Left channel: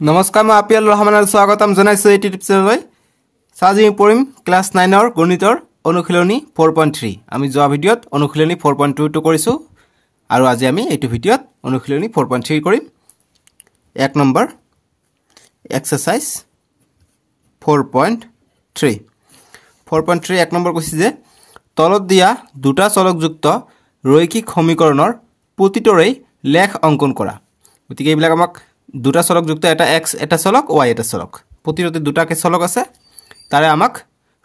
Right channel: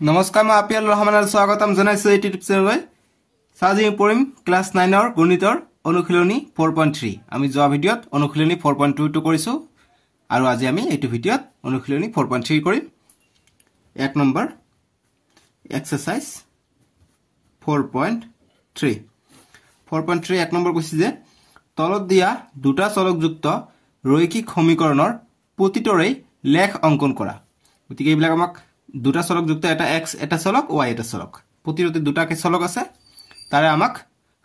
নমস্কাৰ মই আপিয়াল ৰহমানৰ স্বাগতম জনাইছো এই ইউটিউব চেনেললৈ আজি আমি পঢ়িম ক্লাছ 9 ৰ গণিতৰ অনুশীলনী 4.3 আমি যোৱা ভিডিঅত অনুশীলনী 4.2 টো কৰিছো আৰু আজি আমি এইটো ভিডিঅত অনুশীলনী 4.3 কৰিম এক নম্বৰ এক্সাৰসাইজ 4.3 4.3 এক নম্বৰ কৈছে যে তলত দিয়া দুটা চলকযুক্ত ৰৈখিক সমীকৰণৰ প্ৰতিটোৰে লেখ অঙ্কন কৰা গতিকে এইবিলাক আমাক দুটা চলক যুক্ত এটা x এটা চলক y এটা চলক প্ৰতিটোতে দুটাকে চলক আছে তাৰে আমাক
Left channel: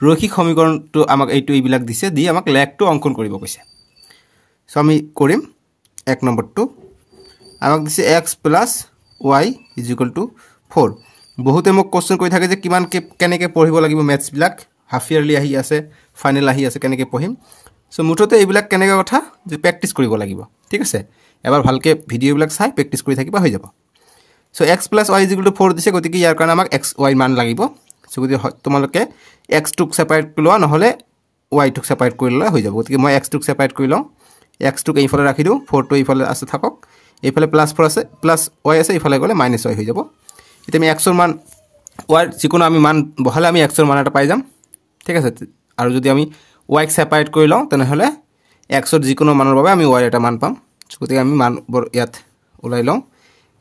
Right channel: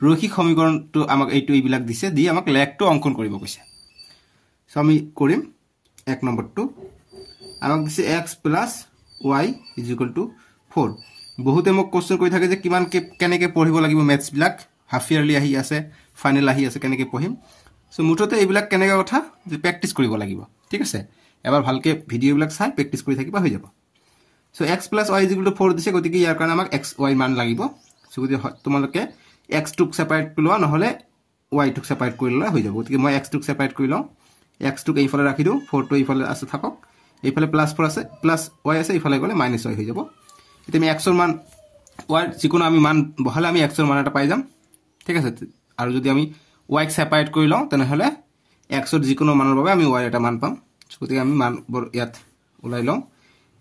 ৰৈখিক সমীকৰণটো আমাক এইবিলাক দিছে দি আমাক লেখটো অঙ্কন কৰিব কৈছে সো আমি কৰিম এক নম্বৰটো আমাক দিছে x y 4 বহুতে মোক কোশ্চেন কৰি থাকে যে কিমান কেনেকৈ পঢ়িব লাগিব ম্যাথছ বিলাক হাফ ইয়াৰলি আহি আছে ফাইনাল আহি আছে কেনেকৈ পঢ়িম সো মুঠতে এইবিলাক কেনেকৈ কথা যে প্ৰেক্টিস কৰিব লাগিব ঠিক আছে এবাৰ ভালকে ভিডিও বিলাক চাই প্ৰেক্টিস কৰি থাকিবা হৈ যাব So x plus y is equal to 4 দিছে গতিকে ইয়াৰ কাৰণে আমাক x y মান লাগিব সো গতিকে তোমালোকে x টুক সেপাৰেট কৰি লোৱা নহলে y টুক সেপাৰেট কৰি ললে হৈ যাব গতিকে মই x টুক সেপাৰেট কৰি লওঁ x টুক এইফালে ৰাখি দিও 4 টো এইফালে আছে থাকক এইফালে প্লাস 4 আছে প্লাস y আছে এইফালে গলে মাইনাস y হৈ যাব এতিয়া আমি x ৰ মান y যিকোনো আমি মান বহালে আমি x ৰ মান এটা পাই যাম ঠিক আছে আৰু যদি আমি y ক সেপাৰেট কৰি লওঁ তেনেহলে x ৰ যিকোনো মানৰ বাবে আমি y এটা মান পাম গতিকে আমি মান ইয়াত উলাই লওঁ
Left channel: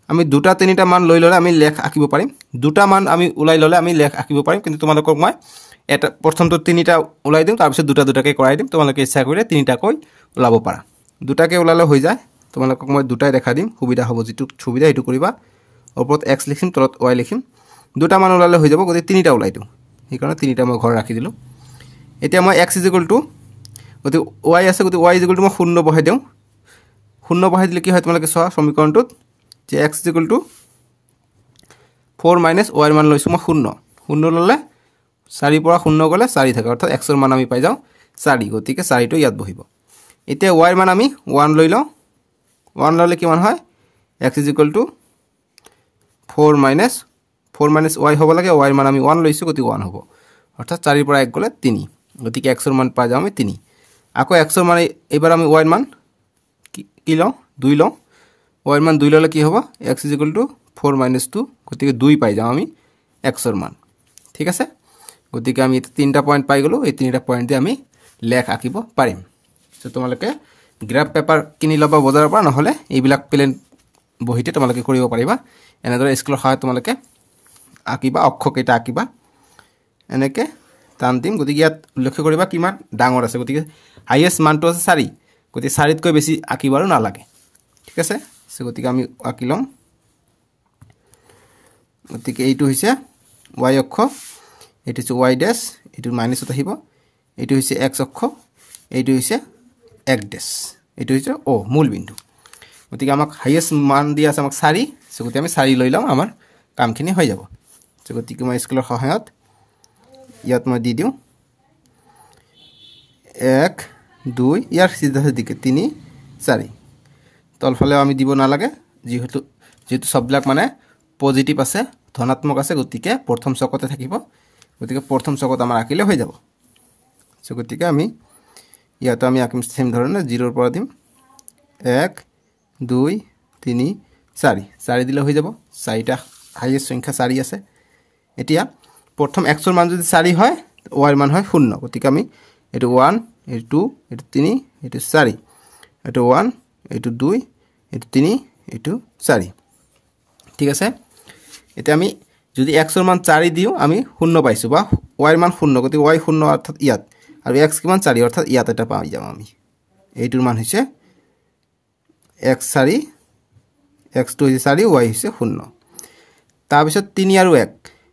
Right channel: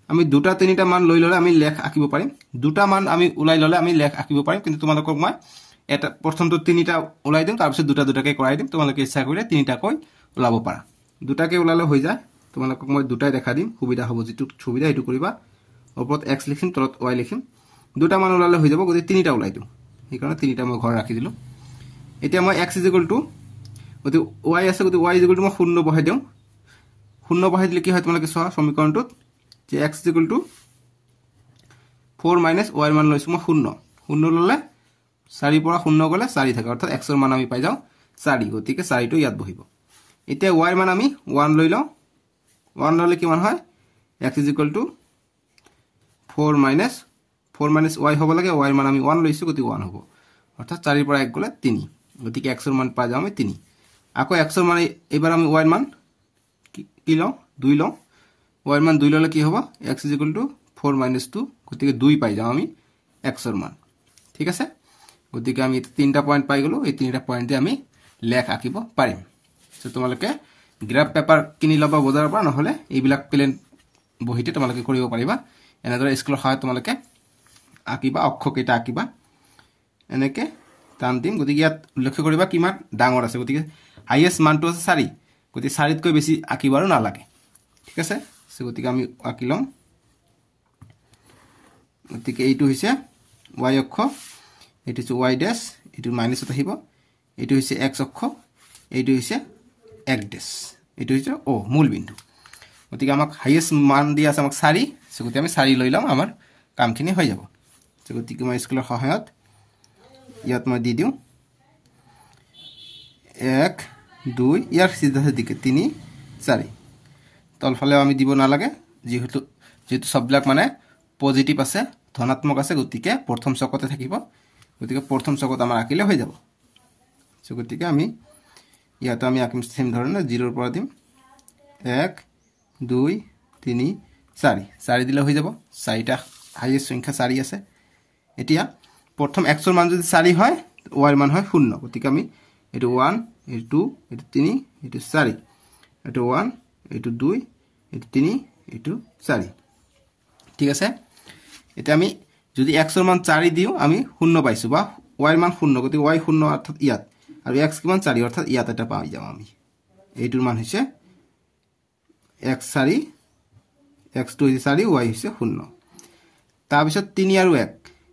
আমি দুটা তিনিটা মান লৈ ললে আমি লেখ আঁকিব পাৰিম দুটা মান আমি উলাই ললে আমি লেখ আঁকিব পাৰিম কিন্তু তোমালোকক মই এটা প্ৰথমটো তিনিটা উলাই দিম তাৰ পিছত দুটা দুটাকে কৰাই দিম তোমালোকে ইচ্ছা কৰিলে তিনিটা কৈ উলাব পাৰা দুটাকে উলালে হৈ যায় তোমালোকক মই দুটাই দেখা দিম সুবিধা হ'ব যেটো সুবিধা এটো কৰিবা ওপৰত x লিখিম তলত y লিখিম দুটা মান উলালে হৈ যাব গতিকে তিনিটা উলাই দিম এই কাৰণে তিনিটা মই ঘৰ ৰাখি দিলো এতিয়া মই x গতিকে y আছে গতিকে y মই শূন্য বহাই দিম শূন্য বহাই দিলে কি হয় তোমালোকে চোৱা সমীকৰণটোত যে x 4 minus y মান লৈছো মই শূন্য শূন্য ললে 4 পৰা শূন্য গলে 4 থাকে অৰ্থাৎ x ৰ মান আমি পাই যাও 4 গতিকে 4 টো ইয়াত বহিব এতিয়া y ৰ মান আমি 1 লৈ লওঁ 1 ললে কিমান হয় x 4 minus y হ'ব লাগে y ৰ মান আমি 1 লৈছো গতিকে 1 হ'ব অৰ্থাৎ 4 পৰা 1 গলে 3 গতিকে x ৰ মান পাই যাও আমি 3 আকৌ x ৰ মান এবাৰ আমি y ৰ মান কি লওঁ 2 লওঁ y ৰ মান 2 ললে কি হ'ব x 4 minus 2 গতিকে 2 পাই যাম আমি x ৰ মান ঠিক আছে গতিকে আমি তিনটা পয়েন্ট পাই গলো এই তিনটা পয়েন্ট দি আমি লেখ আঁকিব পাৰিম সো তোমালোকে গ্ৰাফ পেপাৰ কিনি লবা বজাৰৰ পৰা নহলে এইবিলাক প্লেন বহিতে তোমালোকে কৰিব পাৰিবা এনেদৰে স্কুলৰ সহায়ত তোমালোকে আঁকিবা অক্ষ কেইটা আঁকিবা এনেকে টান দিম গতিকে ইয়াত লক্ষ্য কৰিবা কিমান ডাঙৰ আছে গতিকে হাইয়েস্ট মানটো আছে 4 গতিকে 4 তকৈ বেছি আঁকিবাৰো নালাগে ঠিক আছে সো গতিকে আমি আঁকি লম গতিকে এইটো হৈছে y অক্ষ এইটো হৈছে y ড্যাশ এইটো মাইনাসত আহিব এইটো হৈছে x অক্ষ এইটো হৈছে x ড্যাশ এইটো হৈছে o মূল বিন্দু গতিকে আমাক হাইয়েস্ট মান দিয়া আছে আমাক 4 সো গতিকে আমি 4 লৈ লম আমাৰ কামখিনি হৈ যাব সো গতিকে মই স্কুলৰ সহায়ত ইয়াত মই দি দিও 1 2 ইয়াৰ সিধা দিকে 3 4 তলফালে আমি দিব নালাগে যেহেতু সববিলাক মানে পজিটিভ আছে ধনাত্মক আছে গতিকে প্ৰথম চকতে থাকিব গতিকে প্ৰথম চকত আমাৰ আঁকিলে হৈ যাব সো গতিকে আমি ইয়াত আমি আঁকিম সেম ধৰণে 0 ৰ পৰা দিম 1 2 3 4 4 দিলে হৈ যাব 4টা হাইয়েস্ট সংখ্যা 4 আছে এতিয়া প্ৰথম x ৰ মান যদি 4 হয় y ৰ মান হয় 0 গতিকে আমি এটো 1 এটো 2 এটো 3 এটো 4 এটো 1 এটো 2 এটো 3 এটো 4 ঠিক আছে এতিয়া আমি যদি x ৰ মান 4 দিও আমি 0 পাইছো বা y ৰ মান 0 গতি y 0 অৰ্থাৎ ইয়াত আৰু x কিমান 4 অৰ্থাৎ ইয়াত এটা পাই যাম আমি এইটোৰ মান হৈছে x 4 x টো হৈছে 4 y হৈছে 0 তাৰ পিছত 3 আৰু 1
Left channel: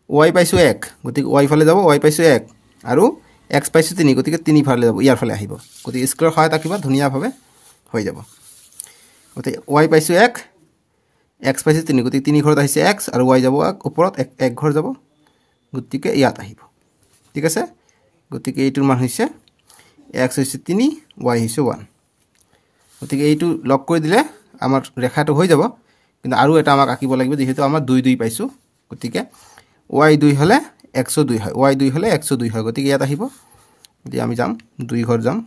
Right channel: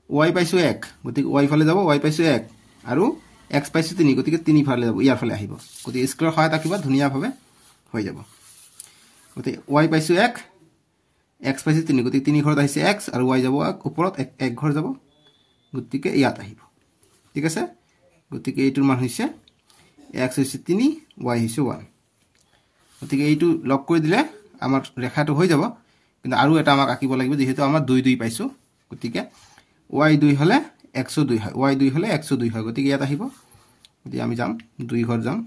y পাইছো 1 গতি y ফালে যাব y পাইছো 1 আৰু x পাইছো 3 গতিকে 3 ফালে যাব ইয়াৰ ফালে আহিব গতি স্কয়াৰ সহায়ত আঁকিবা ধুনিয়া ভাবে হৈ যাব গতি y পাইছো 1 x পাইছো 3 গতি 3 ঘৰত আহিছে x আৰু y যাব ওপৰত 1 ঘৰ যাব গতিকে ইয়াত আহিব ঠিক আছে গতিকে এইটোৰ মান হৈছে x হৈছে 3 y হৈছে 1 গতিকে এইটো লক কৰি দিলে আমাৰ ৰেখাটো হৈ যাব কিন্তু আৰু এটা আমাক আঁকিব লাগিব যেহেতু আমাৰ 2 2 পাইছো গতিকে y 2 হলে x 2 হয় y 2 হলে x 2 হয় গতিকে ইয়াত আহিব যদি আমি যাম 2 ঘৰ যাম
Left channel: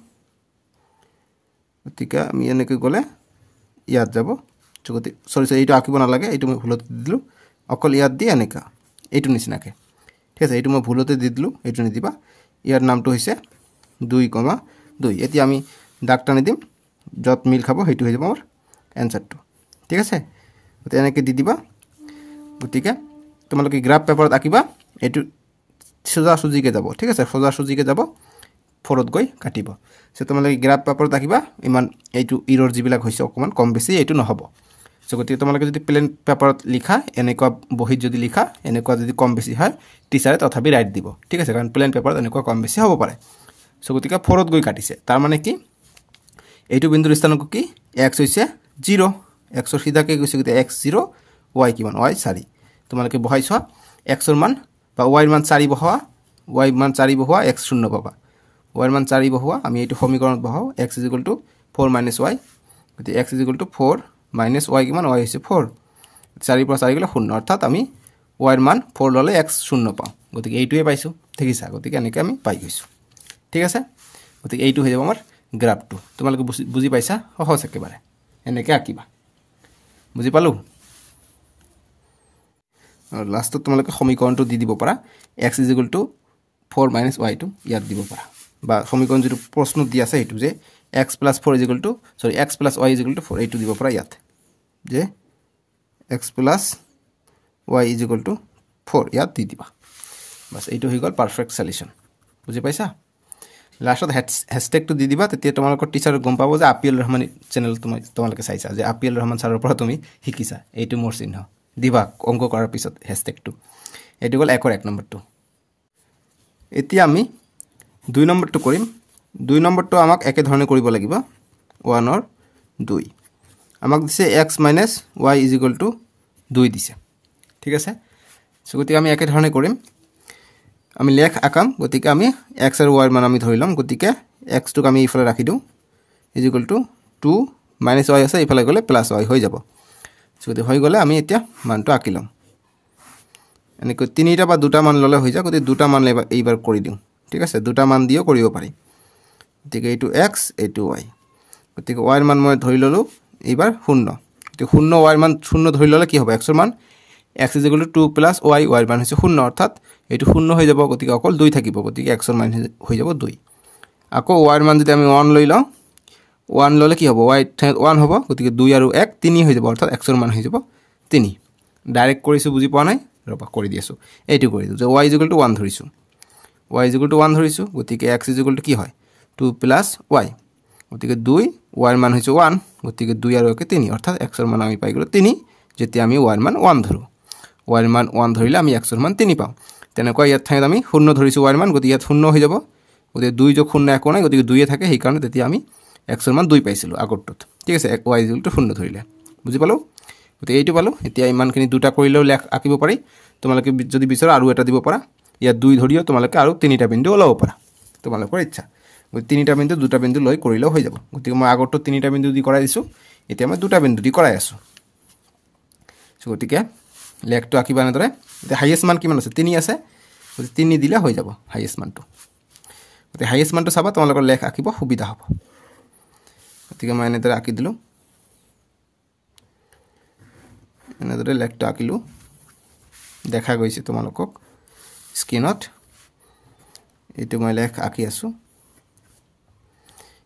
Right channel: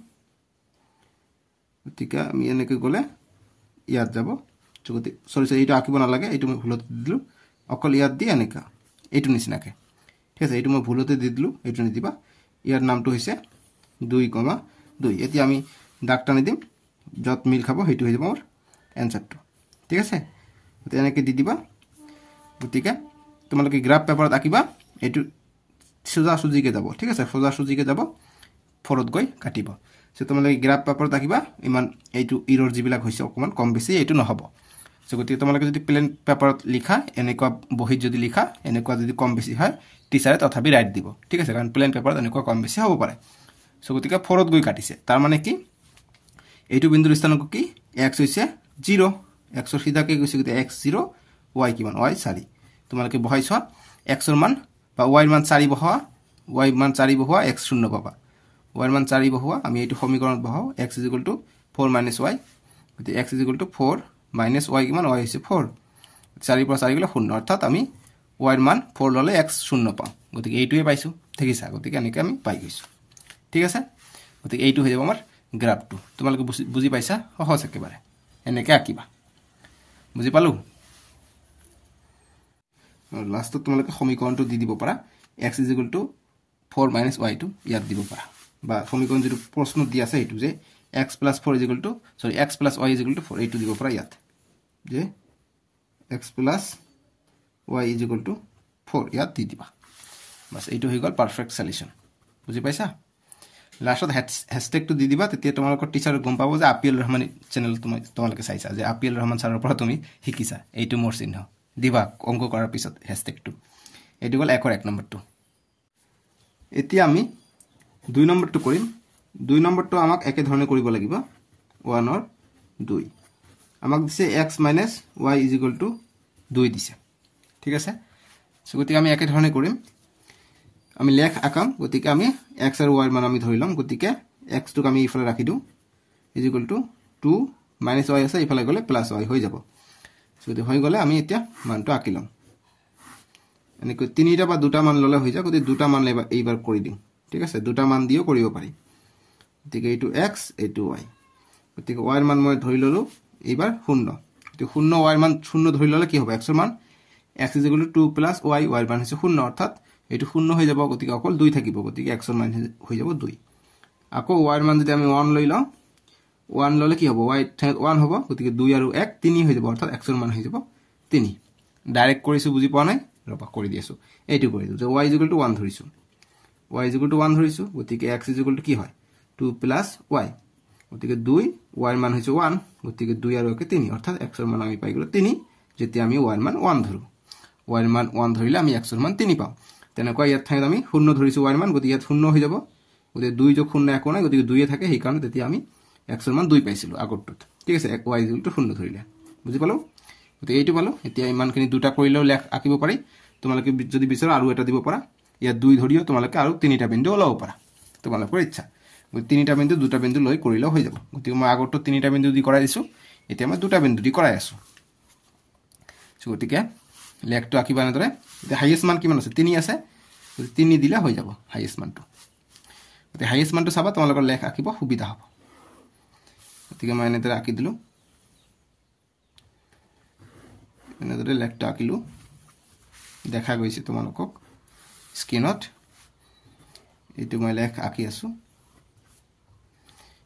গতিকে আমি এনেকৈ গলে ইয়াত যাব গতি সৰি এইটো আঁকিব নালাগে এইটো মই ভুলত দিলো অকল ইয়াত দি এনেকা এইটো নিচিনাকে ঠিক আছে এইটো মই ভুলতে দি দিলোঁ এইটো নিদিবা ইয়াৰ নামটো হৈছে 2,2 এতিয়া আমি দাগ টানি দিম য'ত মিল খাব সেইটো হৈ যাব আমাৰ এনসাৰটো ঠিক আছে গতিকে এনেকৈ দি দিবা গতিকে তোমালোকে গ্ৰাফ পেপাৰত আঁকিবা এইটো সোজা সুজিকে যাব ঠিক আছে সোজা সুজিকে যাব 4ত গৈ কাটিব সো তোমালোকে গ্ৰাফ পেপাৰত আঁকিবা ইমান এইটো ইৰৰ যিবিলাক হৈছে অকমান কম বেছি এইটো নহব সো গতিকে তোমালোকে যদি প্লেন পেপাৰত লিখা এনেকুৱা বহিত যদি লিখা এনেকুৱা যদি কম বেছি হয় টিচাৰে তথাপি ৰাইট দিব ঠিক আছে কাৰণ প্লেন পেপাৰত এনেকুৱা কম বেছি হ'ব পাৰে সো গতিকে 4ত গৈ কাটিছে তাৰ মানে কি এইটো বিন্দুৰ স্থানাংক কি x হৈছে 0 x ৰ সিধাকে গৈছে গতিকে x 0 y কিমান y 4 তোমালোকে বহাইছা x ৰ মান বা y ৰ মান 4 বহোৱা y মান 4 বহোৱা x 0 পাবা y ৰ মান 4 বহোৱা আমি এইটো সমীকৰণত বহাও x 4 y গতিকে x 4 y কিমান y হৈছে 4 4 পৰা 4 গলে 0 অৰ্থাৎ আমি y ৰ মান 4 ললে x 0 পাম গতিকে এইটোৱে পাইছো দেখিছা গতিকে এনেকৈ আমি পাই গৈছো ঠিক আছে গতিকে এইটো হৈ যাব আমাৰ গ্ৰাফটো তোমালোকে বুজি পাইছা সহজ একেবাৰে এনেকৈ আঁকিবা বুজি পালো আৰু লাষ্টত তোমালোকে সমীকৰণটো দি দিব পাৰা x 4 y টো ইয়াত দিব পাৰা বা সমীকৰণ যেটো প্ৰশ্ন দি আছে সেইটো যে x + 4 x + y 4 এইটো দিব পাৰা ইয়াত যে x + y 4 ইয়াত দি দিবা বাস এইটো হৈ গল পাৰফেক্ট সলিউশন বুজি পাইছা লাষ্টত হ্যাশট্যাগটো দি দিবা তেতিয়া তোমালোকৰ টিচাৰ গম পাব যে আপিএল ৰহমান চেনেল তোমালোকে চাইছা যে আপিএল ৰহমান ছাৰৰ পৰা তুমি শিকিছা এইটো মোৰ চিহ্ন দিবা অংক কৰাৰ পিছত হ্যাশট্যাগটো এইটো গল 1 নম্বৰটো এতিয়া আমি 2 নম্বৰটো কৰিম 2 নম্বৰটো আমাক একে ধৰণে কৰিব লাগিব 1 or 2 আমাক দিছে x - y = 2 দিছে ঠিক আছে সো গতিকে আমি একে ধৰণে কৰিম আমি লেখ আকাম গতিকে আমি x আৰু y মান আমি ধৰি লম গতিকে x টোক আমি ইফালে ৰাখি দিও = 2 - y আছে ইফালে গলে +y হৈ যাব সো গতিকে হৈ গলে আমি এতিয়া মানটো আঁকি লম এনেকৈ তিনিটা বা দুটা মান ললে হৈ যায় গতিকে দুটা মান এইবাৰ কৰি দিও ঠিক আছে দুটা মান দিও কৰিব পাৰি গতিকে এইটো x এইটো y গতিকে y ৰ মান মই ধৰি ললো এইবাৰ 0 গতিকে 0 y ৰ মান 0 ধৰি ললে কি হ'ব x ৰ মান x = 2 + y y ৰ মান হৈছে 0 অৰ্থাৎ এইটো 0 হৈ যাব গতিকে অকল 2 থাকিব গতিকে x ৰ মান হৈ যাব 2 আকৌ y ৰ মান যদি আমি 1 লৈ লওঁ 1 ললে কি হ'ব y 1 হ'ব গতিকে 2 আৰু 1 3 হৈ যাব অৰ্থাৎ x ৰ মান হৈ যাব 3 ডাইৰেক্ট কৰিছো বুজি পোৱা নাই ৰবা কৰি দিছো এইটো কৰি দিও যে y = 1 ধৰিছো y = 1 ধৰিছো গতিকে x = কি হয় 2 + y গতিকে 2 y ৰ মান হৈছে 1 গতিকে 2 আৰু 1 3 অৰ্থাৎ x ৰ মান আমি পাই গলো 3 যেতিয়া আমি y ৰ মান 1 ধৰো y ৰ মান 1 ধৰিলে আমি x ৰ মান 3 পাম তেনেকৈ ইয়াত ঠাইত আমি 0 ধৰিছো y ৰ মান গতিকে ইয়াত 0 হৈ যাব গতিকে 2 যোগ 0 একো নাই গতিকে 2 এ থাকে সেই কাৰণে তেতিয়া আমি x ৰ মান 2 পাইছিলো আগৰটোত ঠিক আছে y = 0 ধৰিলে বুজি পালো গতিকে এইটো পালো এতিয়া ইমানখিনি দুটা কৰিলেও লেখ আঁকিব পাৰি তোমালোকে যদি বিচাৰা আৰু এটা দিব পাৰা ইয়াত 2 ধৰিও তোমালোকে আৰু তিনিটা বিন্দু ওলাব পাৰা তোমালোকৰ ইচ্ছা গতিকে তিনিটা বিন্দু দুটা বিন্দু লৈ কৰিলেও হৈ যাব গতিকে মই আগৰটো তিনিটা বিন্দু দি কৰাই দিছো এতিয়া মই দুটা বিন্দু দি কৰাই আছো গতিকে লেখটো আঁকিবা এনেদৰে এতিয়া হাইয়েষ্ট মান কিমান আছে 3 আছে 3 দিলে হৈ যাব হাইয়েষ্ট মানটো গতিকে হাইয়েষ্ট মানটো চাবা তোমালোকৰ লেখ আঁকিব সুবিধা হ'ব গতিকে মই এনেদৰে আঁকি দিলো এনেদৰে লেখটো আঁকিলো দেখা গৈছে তোমালোকক স্ক্ৰিনত এইটো মই লেখ আঁকি আছো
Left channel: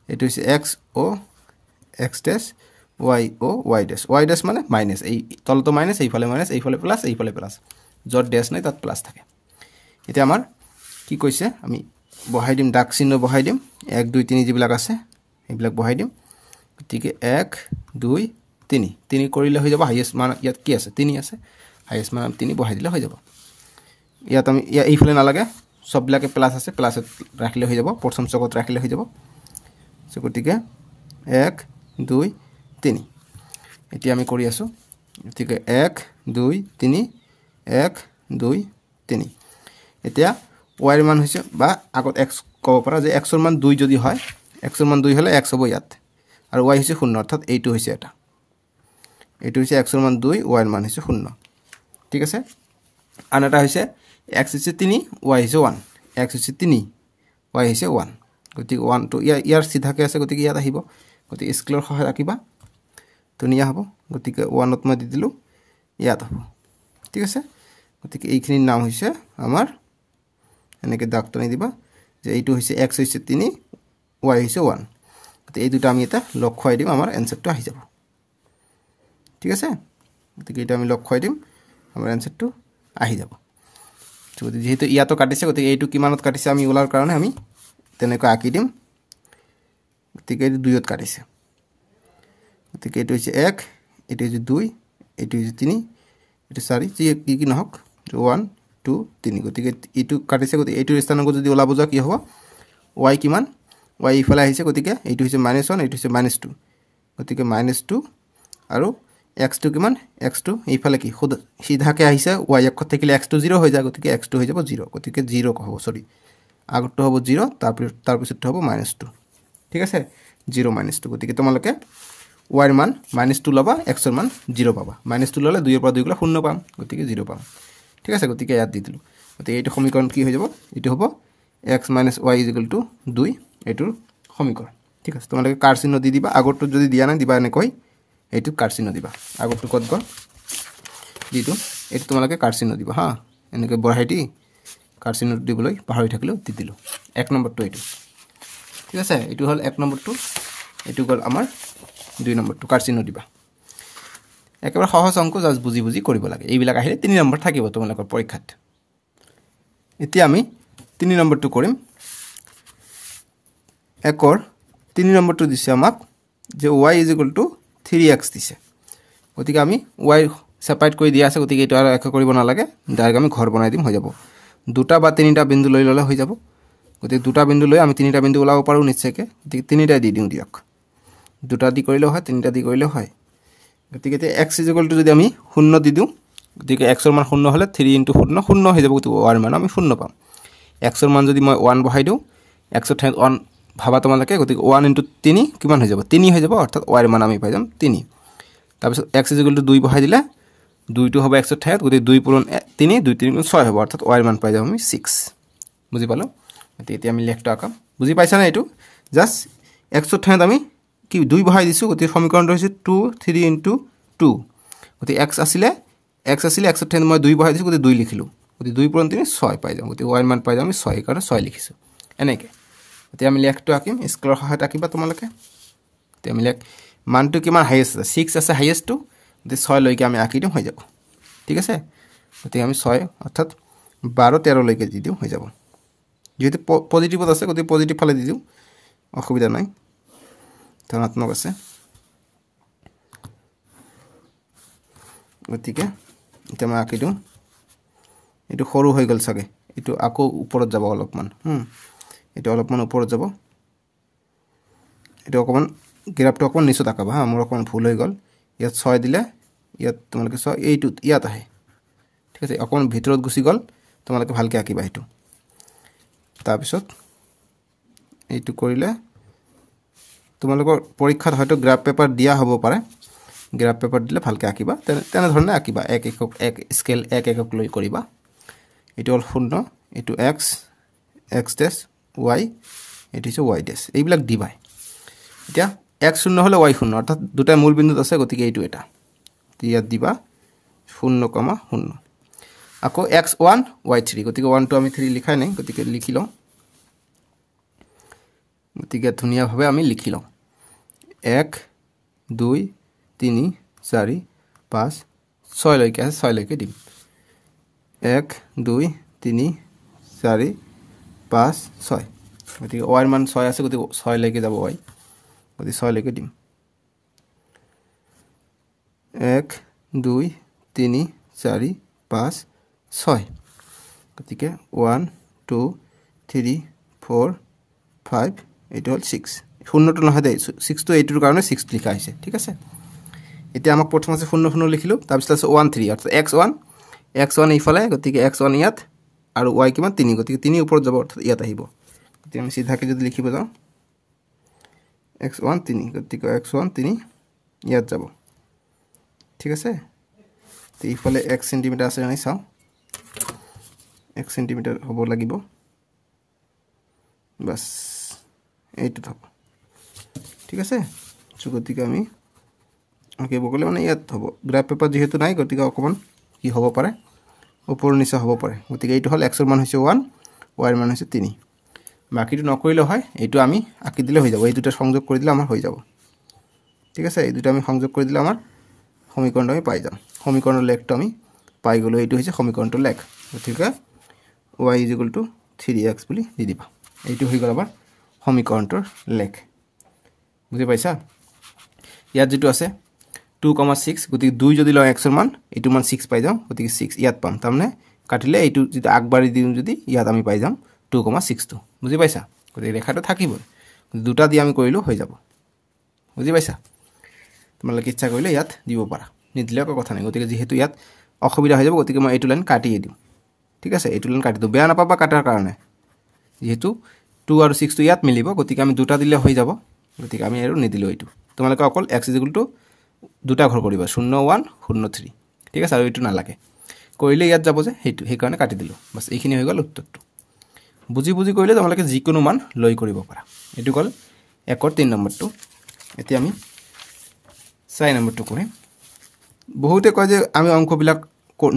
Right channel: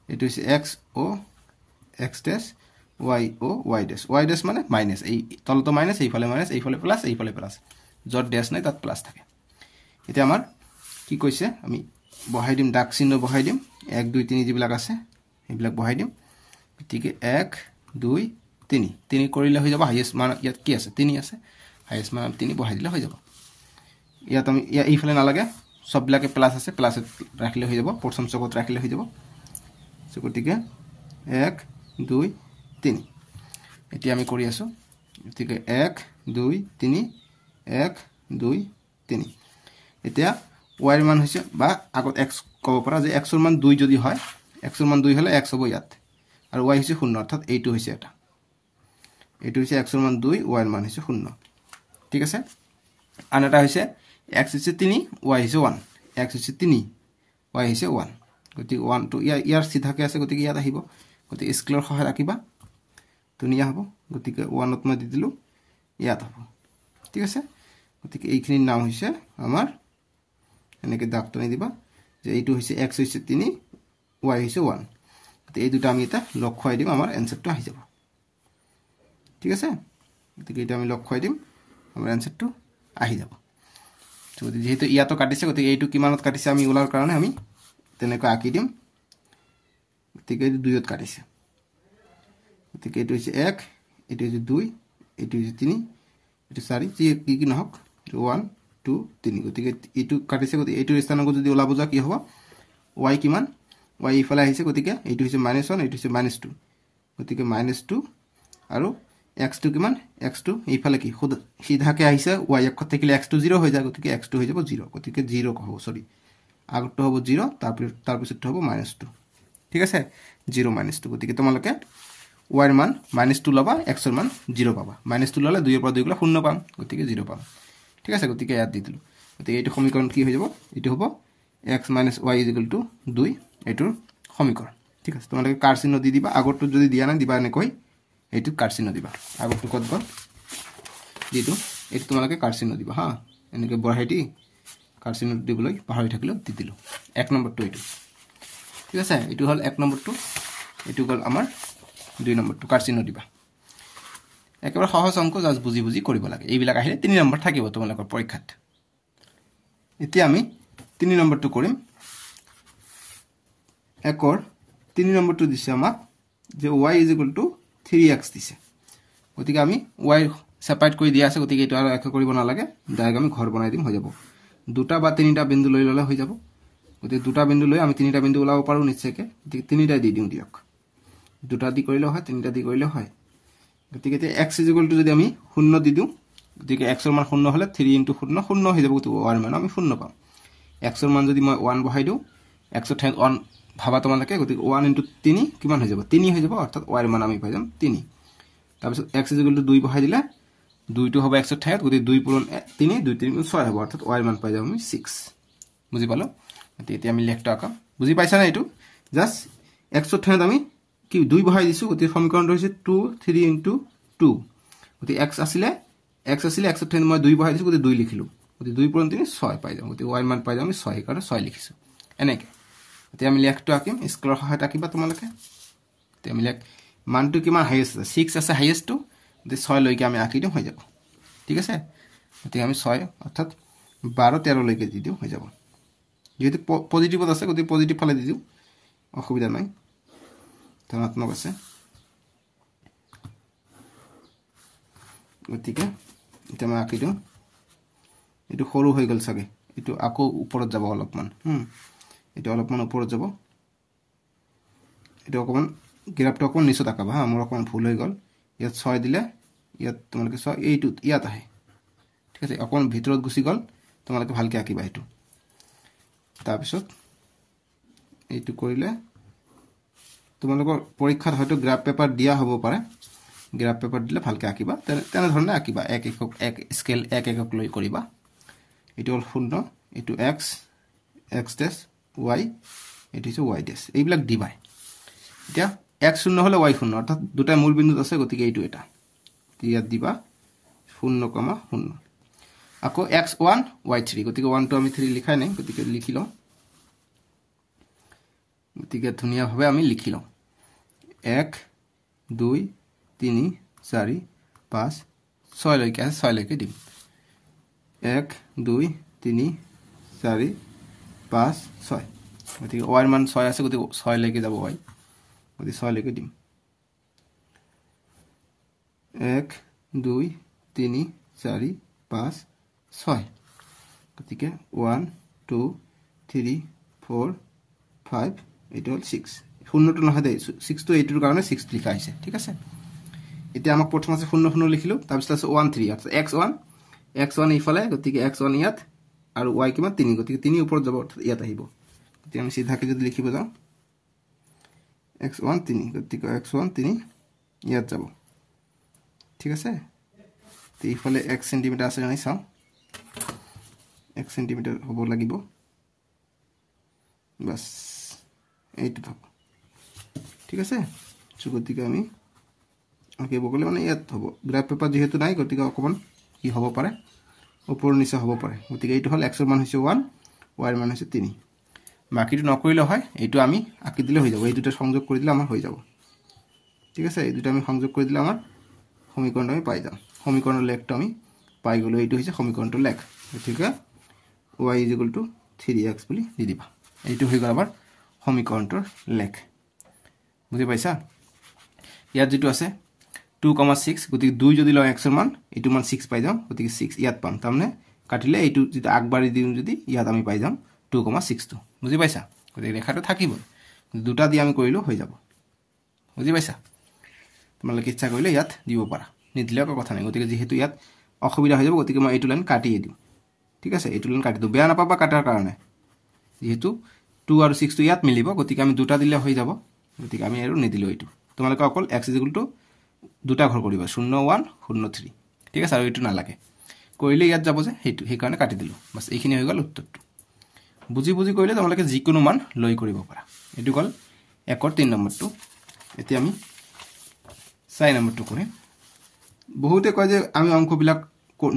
এইটো হৈছে x o x dash y o y dash মানে মাইনাস এই তলটো মাইনাস এইফালে মাইনাস এইফালে প্লাস এইফালে প্লাস যত ড্যাশ নাই তাত প্লাস থাকে এটা আমাৰ কি কৈছে আমি বহাই দিম দাগ চিহ্ন বহাই দিম 1 2 3 যিবিলাক আছে এইবিলাক বহাই দিম গতিকে 1 2 3 3 কৰিলে হৈ যাব হাইয়েষ্ট মান ইয়াত কি আছে 3 আছে হাইয়েষ্ট মান 3 বহাই দিলে হৈ যাব ইয়াত আমি এইফালে নালাগে সববিলাকে প্লাস আছে প্লাস ৰাখিলে হৈ যাব প্ৰথম চকত ৰাখিলে হৈ যাব সো গতিকে 1 2 3 এতিয়া আমি কৰি আছো গতিকে 1 2 3 1 2 3 এতিয়া y ৰ মান হৈছে বা আগত x কব পৰা যে x ৰ মান 2 যদি হয় x ৰ মান 2 হলে x হ'ব ইয়াত আৰু y হৈছে 0 অৰ্থাৎ এইটো হৈছে এটা এইটো হৈছে x ৰ মান 2 y ৰ মান হৈছে 0 ঠিক আছে আনটা হৈছে x হৈছে 3 y হৈছে 1 x হৈছে 3 y হৈছে 1 গতিকে 1 to ইয়াৰ সিধাকে আছে গতিকে ইয়াত আহিব গতিকে স্কেলৰ সহায়ত আঁকিবা ধুনিয়া হ'ব গতিকে 1 ত মই দি দিলো ইয়াত হ'ব ঠিক আছে গতিকে এইখিনিৰ নাম হৈছে আমাৰ এনেকৈ দাগ টানি দিবা যে এইটো হৈছে x হৈছে 3 y হৈছে 1 গতিকে এই দুটা আমি এটা লগ খুৱাই দিম আমাৰ এনসাৰটো আহি যাব ঠিক আছে গতিকে এটা আমি লগ খুৱাই দিম আমাৰ এনসারটো আহি যাব যদি যেহেতু ইয়াতো কাটিছে গতিকে এইটো কিমানত কাটিছে আমি ওলাৰ কাৰণে আমি তেনেকৈ আঁকি দিম গতিকে এইটো 2ত কাটিছে গতিকে এইটো হৈছে 1 এইটো হৈছে 2 এইটো হৈছে 3 এইটো 4 যি কি নহওক 1 2 3 গতিকে এইটো কাটিছে গতিকে এইটো স্থানক যদি ওলাব যা কি হ'ব y কিমান y ইফালে আহিছে গতিকে এইটো হৈছে -1 এইটো হৈছে -2 গতিকে -2 আৰু x2 কিমান x2 এইফালে কি সিধাকে আহিছে y অক্ষত থাকিলে x2 0 হৈ যায় গতিকে x2 হৈ যাব 0 গতিকে 0 হ'ব সৰি আগটো হ'ব 0 তাৰ পিছটো হ'ব -2 ঠিক আছে 0 -2 গতিকে তোমালোকে y এর মান -2 লবা x এর মান 0 পাবা -2 ললে 2 এর পর 2 গুলো 0 পাম গতিকে 0 পাম ঠিক আছে গতিকে ইয়াত দি দিলু গতিকে এইটো সমীকরণ কি হৈ যাব এটো হ'ব x - y = 2 এটোৰ সমীকৰণ ঠিক আছে তোমালোকে কাৰ চিহ্ন দি দিবা আগৰটো যদি দিয়া না দিবা এনে কই এইটো কাৰ চিহ্ন দিবা আগৰটো কত গল দিটো এইটো তোমালোকে কাৰ চিহ্ন দিবা হা এনেকৈ বঢ়াইটি কাৰ চিহ্ন দিবলৈ পাহৰি থাকিলো দি দিলো 1 নম্বৰটো এইটো ঠিক আছে এইটো হল 1 নম্বৰটো এইটো গল আমাৰ 2 নম্বৰটো কাৰ চিহ্ন দিবা একেবাৰে সহজ অংক জাস্ট বুজি বুজি কৰিব লাগে এইবিলাক আহিলে 3 নম্বৰ থাকিব তোমালোকৰ পৰীক্ষাত এতিয়া আমি 3 নম্বৰটো কৰিম একৰ 3 নম্বৰটো দিছে আমাক যে y = 3x দিছে গতিকে আমি y সেপাৰেট কৰি দিয়া আছে গতিকে এটা এক কৰিব না লাগে ডাইৰেক্ট আমি ঘৰ বনাই দিম হৈ যাব দুটা বা তিনিটা বিন্দু লৈ ললে হৈ যাব গতিকে দুটা বিন্দু লৈ আমি তিনিটা বিন্দু ওলাব পাৰো নিশ্চয়কৈ গতিকে তিনিটা দি দিও দিয়ক দুটা দি কৰিলে হয় তিনিটা দি কৰিলে হয় গতিকে x = যদি আমি 0 দি দিও গতিকে x এর মান 0 হলে 3 * 0 0 হৈ যাব গতিকে y এর মান আমি 0 পাম x এর মান যদি মই 1 বহাই দিও x এর ঠাইত 1 ভাবা তোমালোকে গতিকে 1 * 3 কিমান হৈ যাব 3 হৈ যাব অৰ্থাৎ y এৰ মান আমি পাই যাম 3 তাৰপিছত x = 2 বহাই দিলে 2 টো হবে x এৰ ঠাইত গতিকে 2 * 3 2 3 * 6 হ'ব অৰ্থাৎ y এর মান পাই যাম আমি 6 বুজি পালো এতিয়া আমি লেখটো আঁকাম বুজি পাইছা না এটো জাস্ট x এর ঠাইত আমি কি 2 বহাই দিছো গতিকে সমীকৰণটো হৈছে 2 3 * 2 গতিকে x আছিলে x এর ঠাইত মই 2 বহাই দিছো গতিকে 2 লিখিলো গতিকে 2 * 3 6 পাই যাম গতিকে y এর মান পাই যাম আমি 6 কাৰণে 6 লিখিছো এনেকৈ এতিয়া আমি লেখটো আঁকিম স্কেলৰ সহায়ত আঁকিবা তোমালোকে এতিয়া আমি লেখ মানটো কিমান হাইয়েস্ট আছে 6 আছে হাইয়েস্টটো গতিকে 6 লৈকে আমি আঁকি দিম হৈ যাব ঠিক আছে গতিকে আমি 6 অৰ্থাৎ 12 13 লৈকে দি দিও হৈ যাব যেহেতু পজিটিভত আছে গতিকে পজিটিভ ফালে দি দিও অসুবিধা নাই ধনাত্মক আছে গতিকে এটা মই আঁকি দিও এটো সৰু হৈ গল সাগে এটো আকৌ ওপৰত যাব অলপমান এটা অলপমান ওপৰত যাব এটা অকমান গ্ৰাফটো অকমান নিচত আঁকাবা হা মোৰ অকমান ভুল হৈ গল ইয়াত 6 দিলে ইয়াত তোমালোকে 6 এইটো ইয়াত আহে ঠিক আছে অকমান ভিতৰত গুছি গল তোমালোকে ভালকে আঁকিবা এটো তাৰ পিছত এইটো কৰিলে তোমালোকৰ পৰীক্ষাত হয়তো গ্ৰাফ পেপাৰ দিয়া হ'ব পাৰে গ্ৰাফ পেপাৰ দিলে ভালকে আঁকিবা তেনে ধৰণে আঁকিবা এক একক এক স্কেল এক একক লৈ কৰিবা এটো হল 0 এটো x x ডেশ y এটো হৈছে y ডেশ এইবিলাক দিবা এতিয়া x 0 হলে y 0 অৰ্থাৎ দুটা মূল বিন্দুত আছে গতিকে এইটো এটা ইয়াত দিবা 0,0 আকৌ x1 y3 গতিকে 1 টো আমি 3 লিখাই নাই গতিকে লিখি লও গতিকে ধুনিয়া ভাবে আমি লিখি লও 1 2 3 4 5 6 লৈকে আছে 6 লৈকে দিম 1 2 3 4 5 6 গতিকে y এর মান 6 আছে গতিকে 6 লৈকে যাব y গতিকে 6 লৈকে দিম 1 2 3 4 5 6 গতিকে 1 2 3 4 5 এটা হল 6 শূন্যটো নহয় দে 6 টো এইটোৰ কাৰণে 6 লিখা আছে ঠিক আছে এতিয়া আমাক প্ৰথম আছে 0 0 লিখিলো তাৰ পিছত আছে 1 3 অৰ্থাৎ x1 ইফালে গতিকে x1 ইয়াত আৰু y কিমান 3 গতিকে 3 ওপৰত যাব অৰ্থাৎ ইয়াত আহিব গতিকে আমি সিধাকে যদি লিখিব যাও x1 3 গতিকে x1 3 ইয়াত যাব ঠিক আছে তে ইফালে 1 সেন্টিমিটাৰ আছে নাই চাও 1 সেন্টিমিটাৰ হ'ব লাগিব বাস এইটো থাক ঠিক আছে গতিকে আমি আঁকিব গলে মানে ইয়াত হ'ব গ্ৰাফ পেপাৰ যেহেতু নাই গতিকে অকমান কি হ'ব পাৰে ওপৰ নিচে হ'ব পাৰে গতিকে এইটো হ'ল x ৰ মান হৈছে 1 y ৰ মান হৈছে 3 বাকিটো নকৰিলে হয় এইটো আমি আঁকি দিলে হৈ যাব এই দুটা সংযোগ কৰি দিলে আমাৰ হৈ যাব ঠিক আছে এই দুটা আমি সংযোগ কৰি দিলে আমাৰ সমীকৰণটো আমি পাই যাম সমীকৰণৰ লেখটো আমি পাই গলো এইটো হৈছে সমীকৰণটো লেখ গতিকে y = 3x বুলি দি দিবা এইটো হৈ গ'ল আমাৰ সমীকৰণটোৰ লেখ বুজি পাইছা ইয়াত যেটো আছে 2,6 গতিকে 2 যদি লয় x ৰ মান এইটো মান 6 পাই যাম গতিকে 6 ইয়াত পাম তাৰমানে কাটিলে এইটো যেটা আগবাঢ়ি দিম যদি ইয়াত আমি পাই যাম 2,62 বুজি পাইছা গতিকে ৰেখাটো থাকিব দুটা দি আমি কৰিলো হৈ যাব বুজি পাইছা তোমালোকে ইচ্ছা কৰিলে ইয়াত দিব পাৰা নিদিলে একো কথা নাই গতিকে যেহেতু ইয়াত অসুবিধা হৈ যাব গতিকে মই এইটো লাইন কাটি দিম ঠিক আছে এইটো লাইন কাটি দিও বেয়া নাপাবা কাটাৰ কাৰণে যেহেতু 2 আৰু 6 টো ইয়াত মিলিব গতিকে আমি দুটা দিলে হৈ যাব গতিকে আমি আৰু নিদিলো এইটো তোমালোকে অকল x = দুটা ঘৰ কৰিবা 0 1 0 3 ঠিক আছে আৰু এইটো নালাগে কৰিলে ইয়াত যাব যে সেই কাৰণে কাটি দিলো বাস এইখিনি হৈ গ'ল উত্তৰটো বুজি কৰিলে তোমালোকে যিকোনো মান লৈ কৰিব পাৰা এটো গল 1 ৰ 3 নম্বৰটো এতিয়া আমি 4 নম্বৰটো কৰিম বহুতে কয় যে আমি অংকবিলাক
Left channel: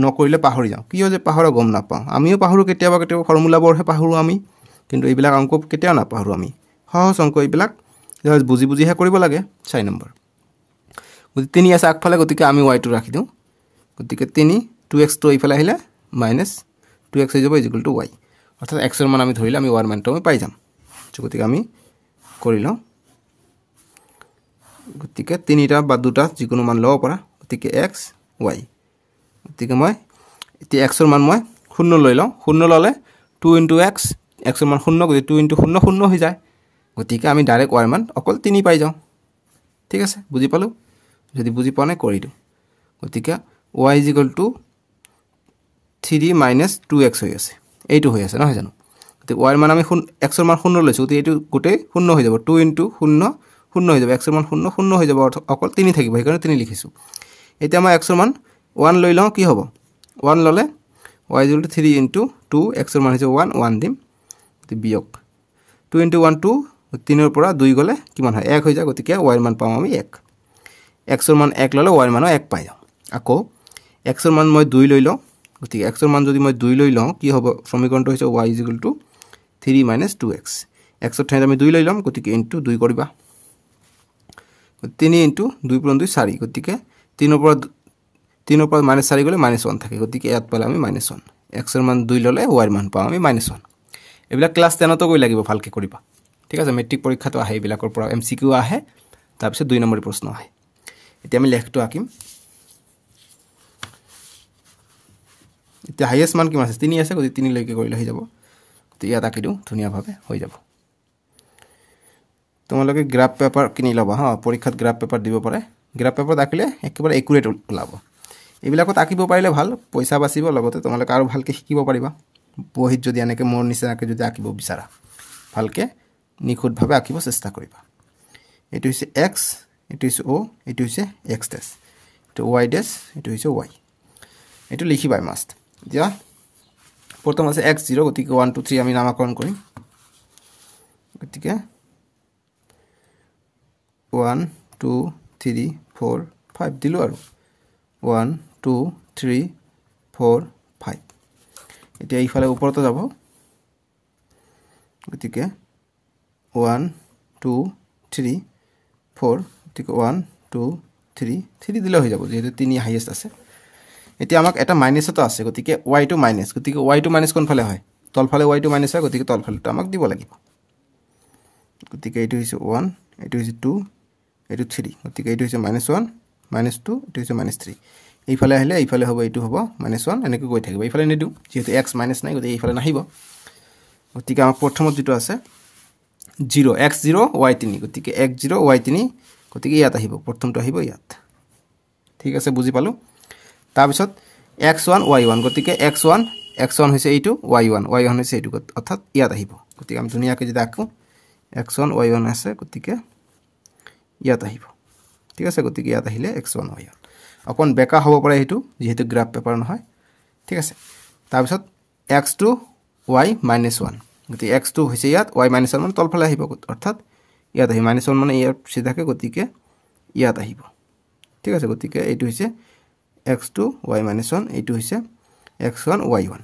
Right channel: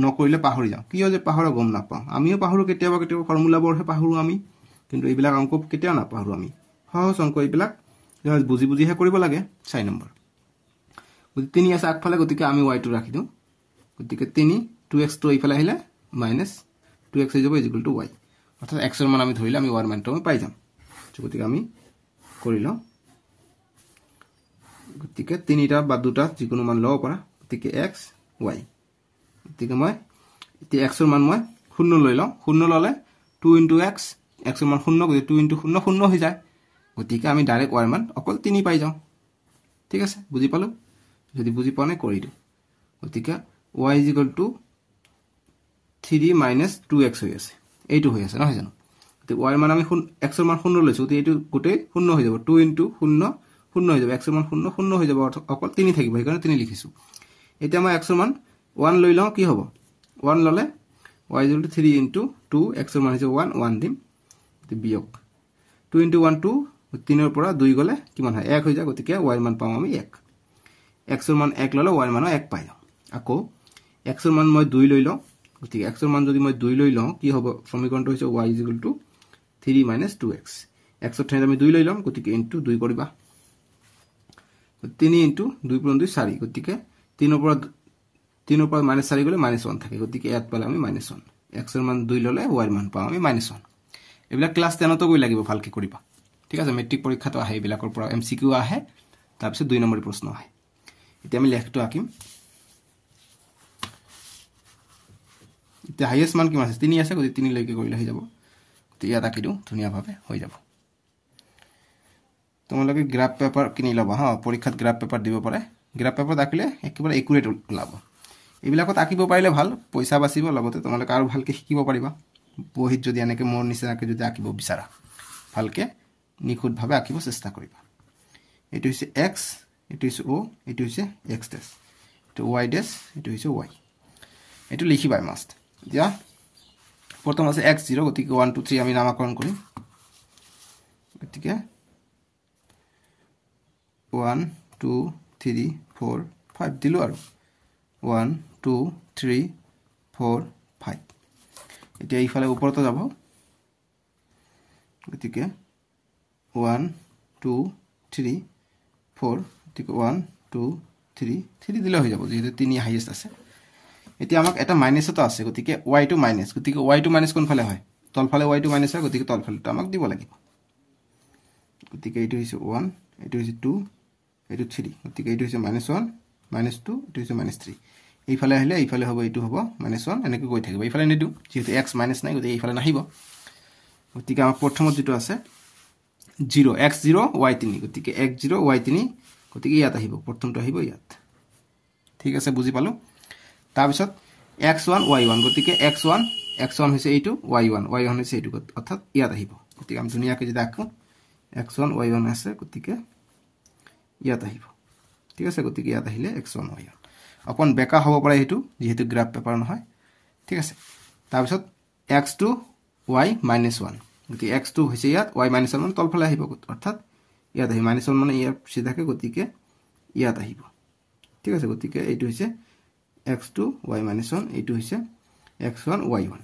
নকৰিলে পাহৰি যাওঁ কিয় যে পাহৰা গম নাপাওঁ আমিও পাহৰো কেতিয়াবা ফৰ্মুলাবোৰহে পাহৰো আমি কিন্তু এইবিলাক অংক কেতিয়াও নাপাহৰো আমি সহজ অংক এইবিলাক বুজিহে কৰিব লাগে 4 নম্বৰ গতিকে 3 আছে আগফালে গতিকে আমি y টো ৰাখি দিওঁ গতিকে 3 2x টো এইফালে আহিলে -2x হৈ যাব = y অৰ্থাৎ x ৰ মান আমি ধৰিলে আমি y ৰ মানটো আমি পাই যাম গতিকে আমি কৰি লওঁ গতিকে 3টা বা দুটা যিকোনো মান লব পাৰা গতিকে x y গতিকে মই এতিয়া x ৰ মান মই 0 লৈ লওঁ 0 ললে 2 * x x ৰ মান 0 গতিকে 2 * 0 0 হৈ যায় গতিকে আমি ডাইৰেক্ট y ৰ মান অকল 3 পাই যাওঁ ঠিক আছে বুজি পালো যদি বুজি পোৱা নাই কৰি দিও গতিকে y = 3 - 2x হৈ আছে এইটো হৈ আছে নহয় জানো গতিকে y ৰ মান আমি x ৰ মান 0 লৈছো গতিকে এইটো গোটেই 0 হৈ যাব 2 * 0 0 হৈ যাব x ৰ মান 0 0 হৈ যাব অকল 3 থাকিব সেইকাৰণে 3 লিখিছো এতিয়া মই x ৰ মান 1 লৈ লওঁ কি হ'ব 1 ললে y = 3 * 2 x ৰ মান হৈছে 1 1 দিম বিয়োগ 2 * 1 2 3 ৰ পৰা 2 গলে কিমান হয় 1 হৈ যায় গতিকে y ৰ মান পাম আমি 1 x ৰ মান 1 ললে y ৰ মান 1 পাই যাম আকৌ x ৰ মান মই 2 লৈ লওঁ গতিকে x ৰ মান যদি মই 2 লৈ লওঁ কি হ'ব সমীকৰণটো হৈছে y = 3 - 2x x ৰ ঠাইত আমি 2 লৈ লম গতিকে ইনটু 2 কৰিবা 3 * 2 * 2 4 গতিকে 3 ৰ পৰা -4 গলে -1 থাকে গতিকে ইয়াত পালে আমি -1 x ৰ মান 2 ললে y ৰ মান পাম আমি -1 এইবিলাক ক্লাস 10 তো গৈ লাগিব ভালকে কৰিবা ঠিক আছে মেট্ৰিক পৰীক্ষাটো আহে এইবিলাকৰ পৰা MCQ আহে তাৰ পিছত 2 নম্বৰৰ প্ৰশ্ন আহে এতিয়া আমি লেখটো আঁকিম এতিয়া হাইয়েস্ট মান কিমান আছে 3 আছে গতিকে 3 লৈকে কৰিলে হৈ যাব তো ইয়াত আঁকি দিও ধুনীয়াভাৱে হৈ যাব তোমালোকে গ্ৰাফ পেপাৰ কিনি লবা হা পৰীক্ষাত গ্ৰাফ পেপাৰ দিব পাৰে গ্ৰাফ পেপাৰ আঁকিলে একেবাৰে একুৰেট ওলাব এইবিলাকত আঁকিব পাৰিলে ভাল পইচা বাচিব লগতে তোমালোকে আৰু ভালকে শিকিব পাৰিবা বহিত যদি এনেকে মোৰ নিচিনাকে যদি আঁকিব বিচাৰা ভালকে নিখুঁতভাৱে আঁকিব চেষ্টা কৰিবা এটো হৈছে x এটো হৈছে o এটো হৈছে x ডেশ এটো y ডেশ এটো হৈছে y এটো লিখিবা মাস্ট দিয়া প্ৰথম আছে x0 গতিকে 1 2 3 আমি নামকৰণ কৰিম গতিকে 1 2 3 4 5 দিলো আৰু 1 2 3 4 5 এতিয়া ইফালে ওপৰতে যাব গতিকে 1 2 3 4 গতিকে 1 2 3 3 দিলে হৈ যাব যেহেতু 3 হাইয়েস্ট আছে এতিয়া আমাক এটা মাইনাস এটা আছে গতিকে y টো মাইনাস গতিকে y টো মাইনাস কোন ফালে হয় তলফালে y টো মাইনাস হয় গতিকে তলফালেটো আমাক দিব লাগিব গতিকে এইটো হৈছে 1 এইটো হৈছে 2 এইটো 3 গতিকে এইটো হৈছে -1 -2 এইটো হৈছে -3 এইফালে আহিলে এইফালে হ'ব এইটো হ'ব -1 এনেকৈ গৈ থাকিব এইফালে নিদু যেহেতু x মাইনাস নাই গতিকে এইফালে নাহিব গতিকে আমাৰ প্ৰথমত যেটো আছে 0 x0 y3 গতিকে x0 y3 গতিকে ইয়াত আহিব প্ৰথমটো আহিব ইয়াত ঠিক আছে বুজি পালো তাৰ পিছত x1 y1 গতিকে x1 হৈছে এইটো y1 হৈছে এইটো অৰ্থাৎ ইয়াত আহিব গতিকে আমি ধুনীয়াকৈ যদি আঁকো x1 y1 আছে গতিকে ইয়াত আহিব ঠিক আছে গতিকে ইয়াত আহিলে x1 y1 অকন বেকা হ'ব পাৰে হেতু যেহেতু গ্ৰাফ পেপাৰ নহয় ঠিক আছে তাৰ পিছত x2 y -1 গতিকে x2 হৈছে ইয়াত y -1 মানে তলফালে আহিব অৰ্থাৎ ইয়াত আহি -1 মানে ইয়াত সিধাকে গতিকে ইয়াত আহিব ঠিক আছে গতিকে এইটো হৈছে x2 y - 1 এইটো হৈছে x1 y1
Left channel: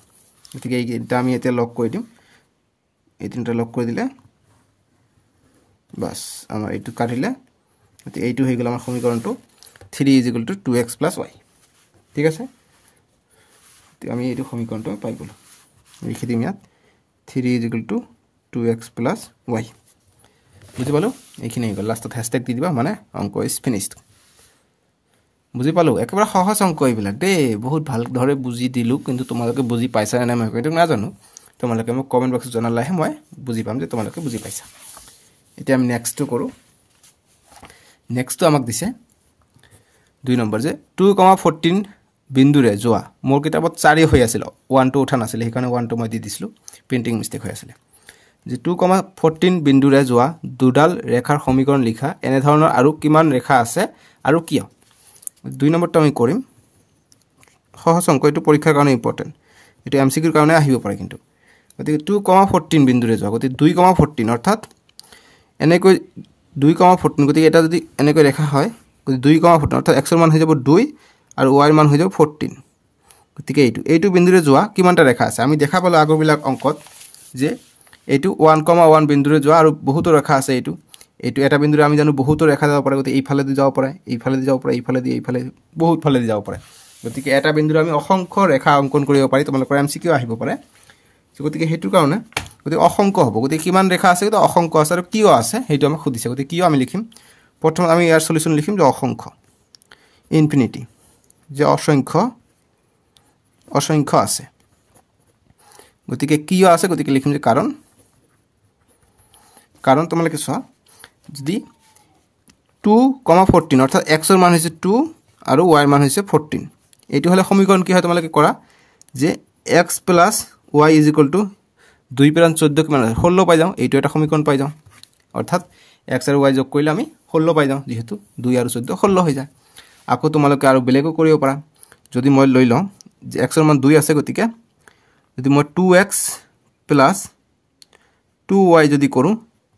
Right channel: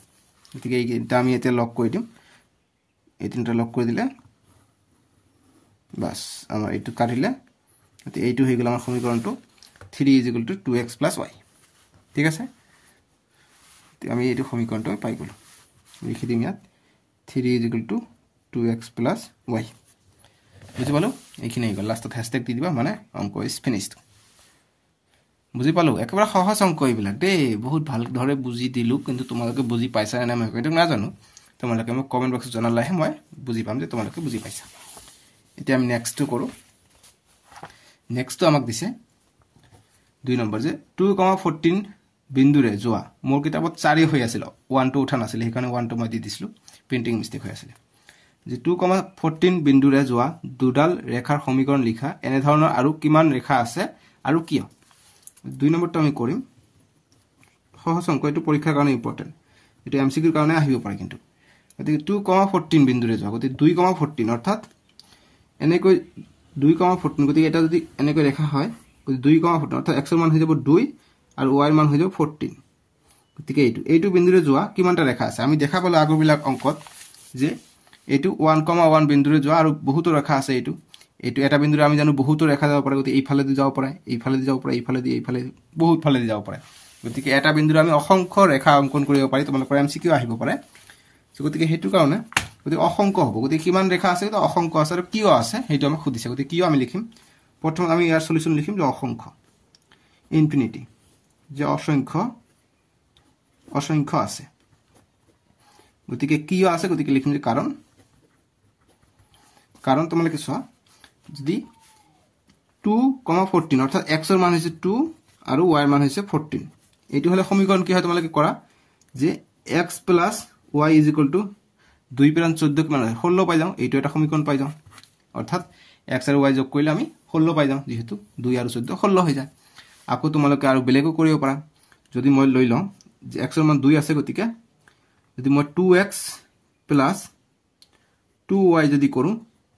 গতিকে এইটা আমি এতিয়া লক কৰি দিম এই তিনটা লক কৰি দিলে বাস আমাৰ এইটো কাটিলে গতি এইটো হৈ গল আমাৰ সমীকৰণটো 3 = 2x + y ঠিক আছে আমি এইটো সমীকৰণটো পাই গলো লিখি দিম ইয়াত 3 = 2x + y বুজি পালো এইখিনি গল লাষ্টত হ্যাশট্যাগ দি দিবা মানে অংক ইজ ফিনিশড বুজি পালো একেবাৰে সহজ অংক এইবিলাক দে বহুত ভাল ধৰে বুজি দিলু কিন্তু তোমালোকে বুজি পাইছা না মই সেইটো না জানো তোমালোকে মোক কমেন্ট বক্সত জনালেহে মই বুজি পাম যে তোমালোকে বুজি পাইছা এতিয়া আমি নেক্সট কৰো নেক্সট আমাক দিছে 2 নম্বৰ যে 2,14 বিন্দুৰে যোৱা মোৰ কিতাপত 4 হৈ আছিল 1 টো উঠা নাছিল সেইকাৰণে 1 টো মই দি দিছিলো প্ৰিন্টিং মিস্টেক হৈ আছিল যে 2,14 বিন্দুৰে যোৱা দুডাল ৰেখাৰ সমীকৰণ লিখা এনে ধৰণৰ আৰু কিমান ৰেখা আছে আৰু কিয় 2 নম্বৰটো আমি কৰিম সহজ অংক এটো পৰীক্ষাৰ কাৰণে ইম্পৰ্টেন্ট এটো এমসিকিউৰ কাৰণে আহিব পাৰে কিন্তু গতিকে 2,14 বিন্দুৰে যোৱা গতিকে 2,14 অৰ্থাৎ এনেকৈ 2,14 গতিকে এটা যদি এনেকৈ ৰেখা হয় গতিকে 2,14 অৰ্থাৎ x ৰ মান হৈ যাব 2 আৰু y ৰ মান হৈ যাব 14 গতিকে এইটো বিন্দুৰে যোৱা কিমানটা ৰেখা আছে আমি দেখা পালো আগৰবিলাক অংকত যে এইটো 1,1 বিন্দুৰে যোৱা আৰু বহুত ৰেখা আছে এইটো এটা বিন্দুৰে আমি জানো বহুত ৰেখা যাব পাৰে গতিকে এইফালে দি যাব পাৰে এইফালে দি যাব পাৰে এইফালে বহুত ফালে দি যাব পাৰে গতিকে এটা বিন্দুৰে আমি অসংখ্য ৰেখা অংকন কৰিব পাৰি তোমালোকৰ এমসিকিউ আহিব পাৰে গতিকে হেতু কাৰণে গতিকে অসংখ্য হ'ব গতিকে কিমান ৰেখা আছে তো অসংখ্য আছে আৰু কিয় আছে হেতু আমাক খুদিছে গতিকে কিয় আমি লিখিম প্ৰথম আমি ইয়াৰ সলিউশন লিখিম যে অসংখ্য ইনফিনিটি যে অসংখ্য আছে গতিকে কিয় আছে গতিকে লিখিম যে কাৰণ তোমালোকে চোৱা যদি 2,14 অৰ্থাৎ x ৰ মান হৈছে 2 আৰু y ৰ মান হৈছে 14 এইটো হলে সমীকৰণ কি হয় তোমালোকে কৰা যে x + y = 2 + 14 কিমান 16 পাই যাও এইটো এটা সমীকৰণ পাই যাও অৰ্থাৎ x আৰু y যোগ কৰিলে আমি 16 পাই যাও যেহেতু 2 আৰু 14 16 হৈ যায় আকৌ তোমালোকে আৰু বেলেগো কৰিব পাৰা যদি মই লৈ লওঁ যে x ৰ মান 2 আছে গতিকে যদি মই 2x + 2y যদি কৰো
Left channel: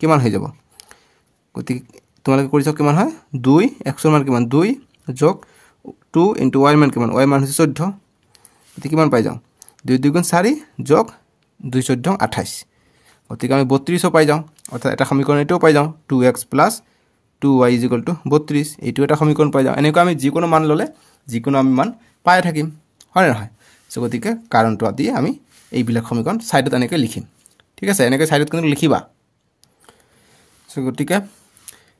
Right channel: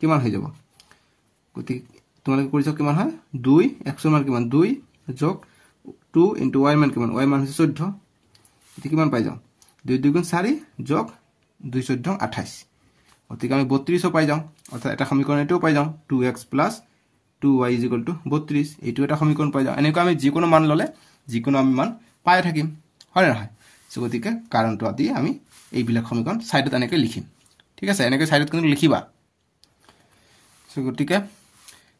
কিমান হৈ যাব গতিকে তোমালোকে কৰিছ কিমান হয় 2 x ৰ মান কিমান 2 যোগ 2 * y ৰ মান কিমান y ৰ মান হৈছে 14 গতিকে কিমান পাই যাও 2 × 2 = 4 যোগ 2 * 14 = 28 গতিকে আমি 32 পাই যাও অৰ্থাৎ এটা সমীকৰণ এটাও পাই যাও 2x + 2y = 32 এইটো এটা সমীকৰণ পাই যাও এনেকৈ আমি যিকোনো মান ললে যিকোনো আমি মান পাই থাকিম হয় নহয় সো গতিকে কাৰণটো আদি আমি এইবিলাক সমীকৰণ সাইডত এনেকৈ লিখিম ঠিক আছে এনেকৈ সাইডত কিন্তু লিখিবা সো গতিকে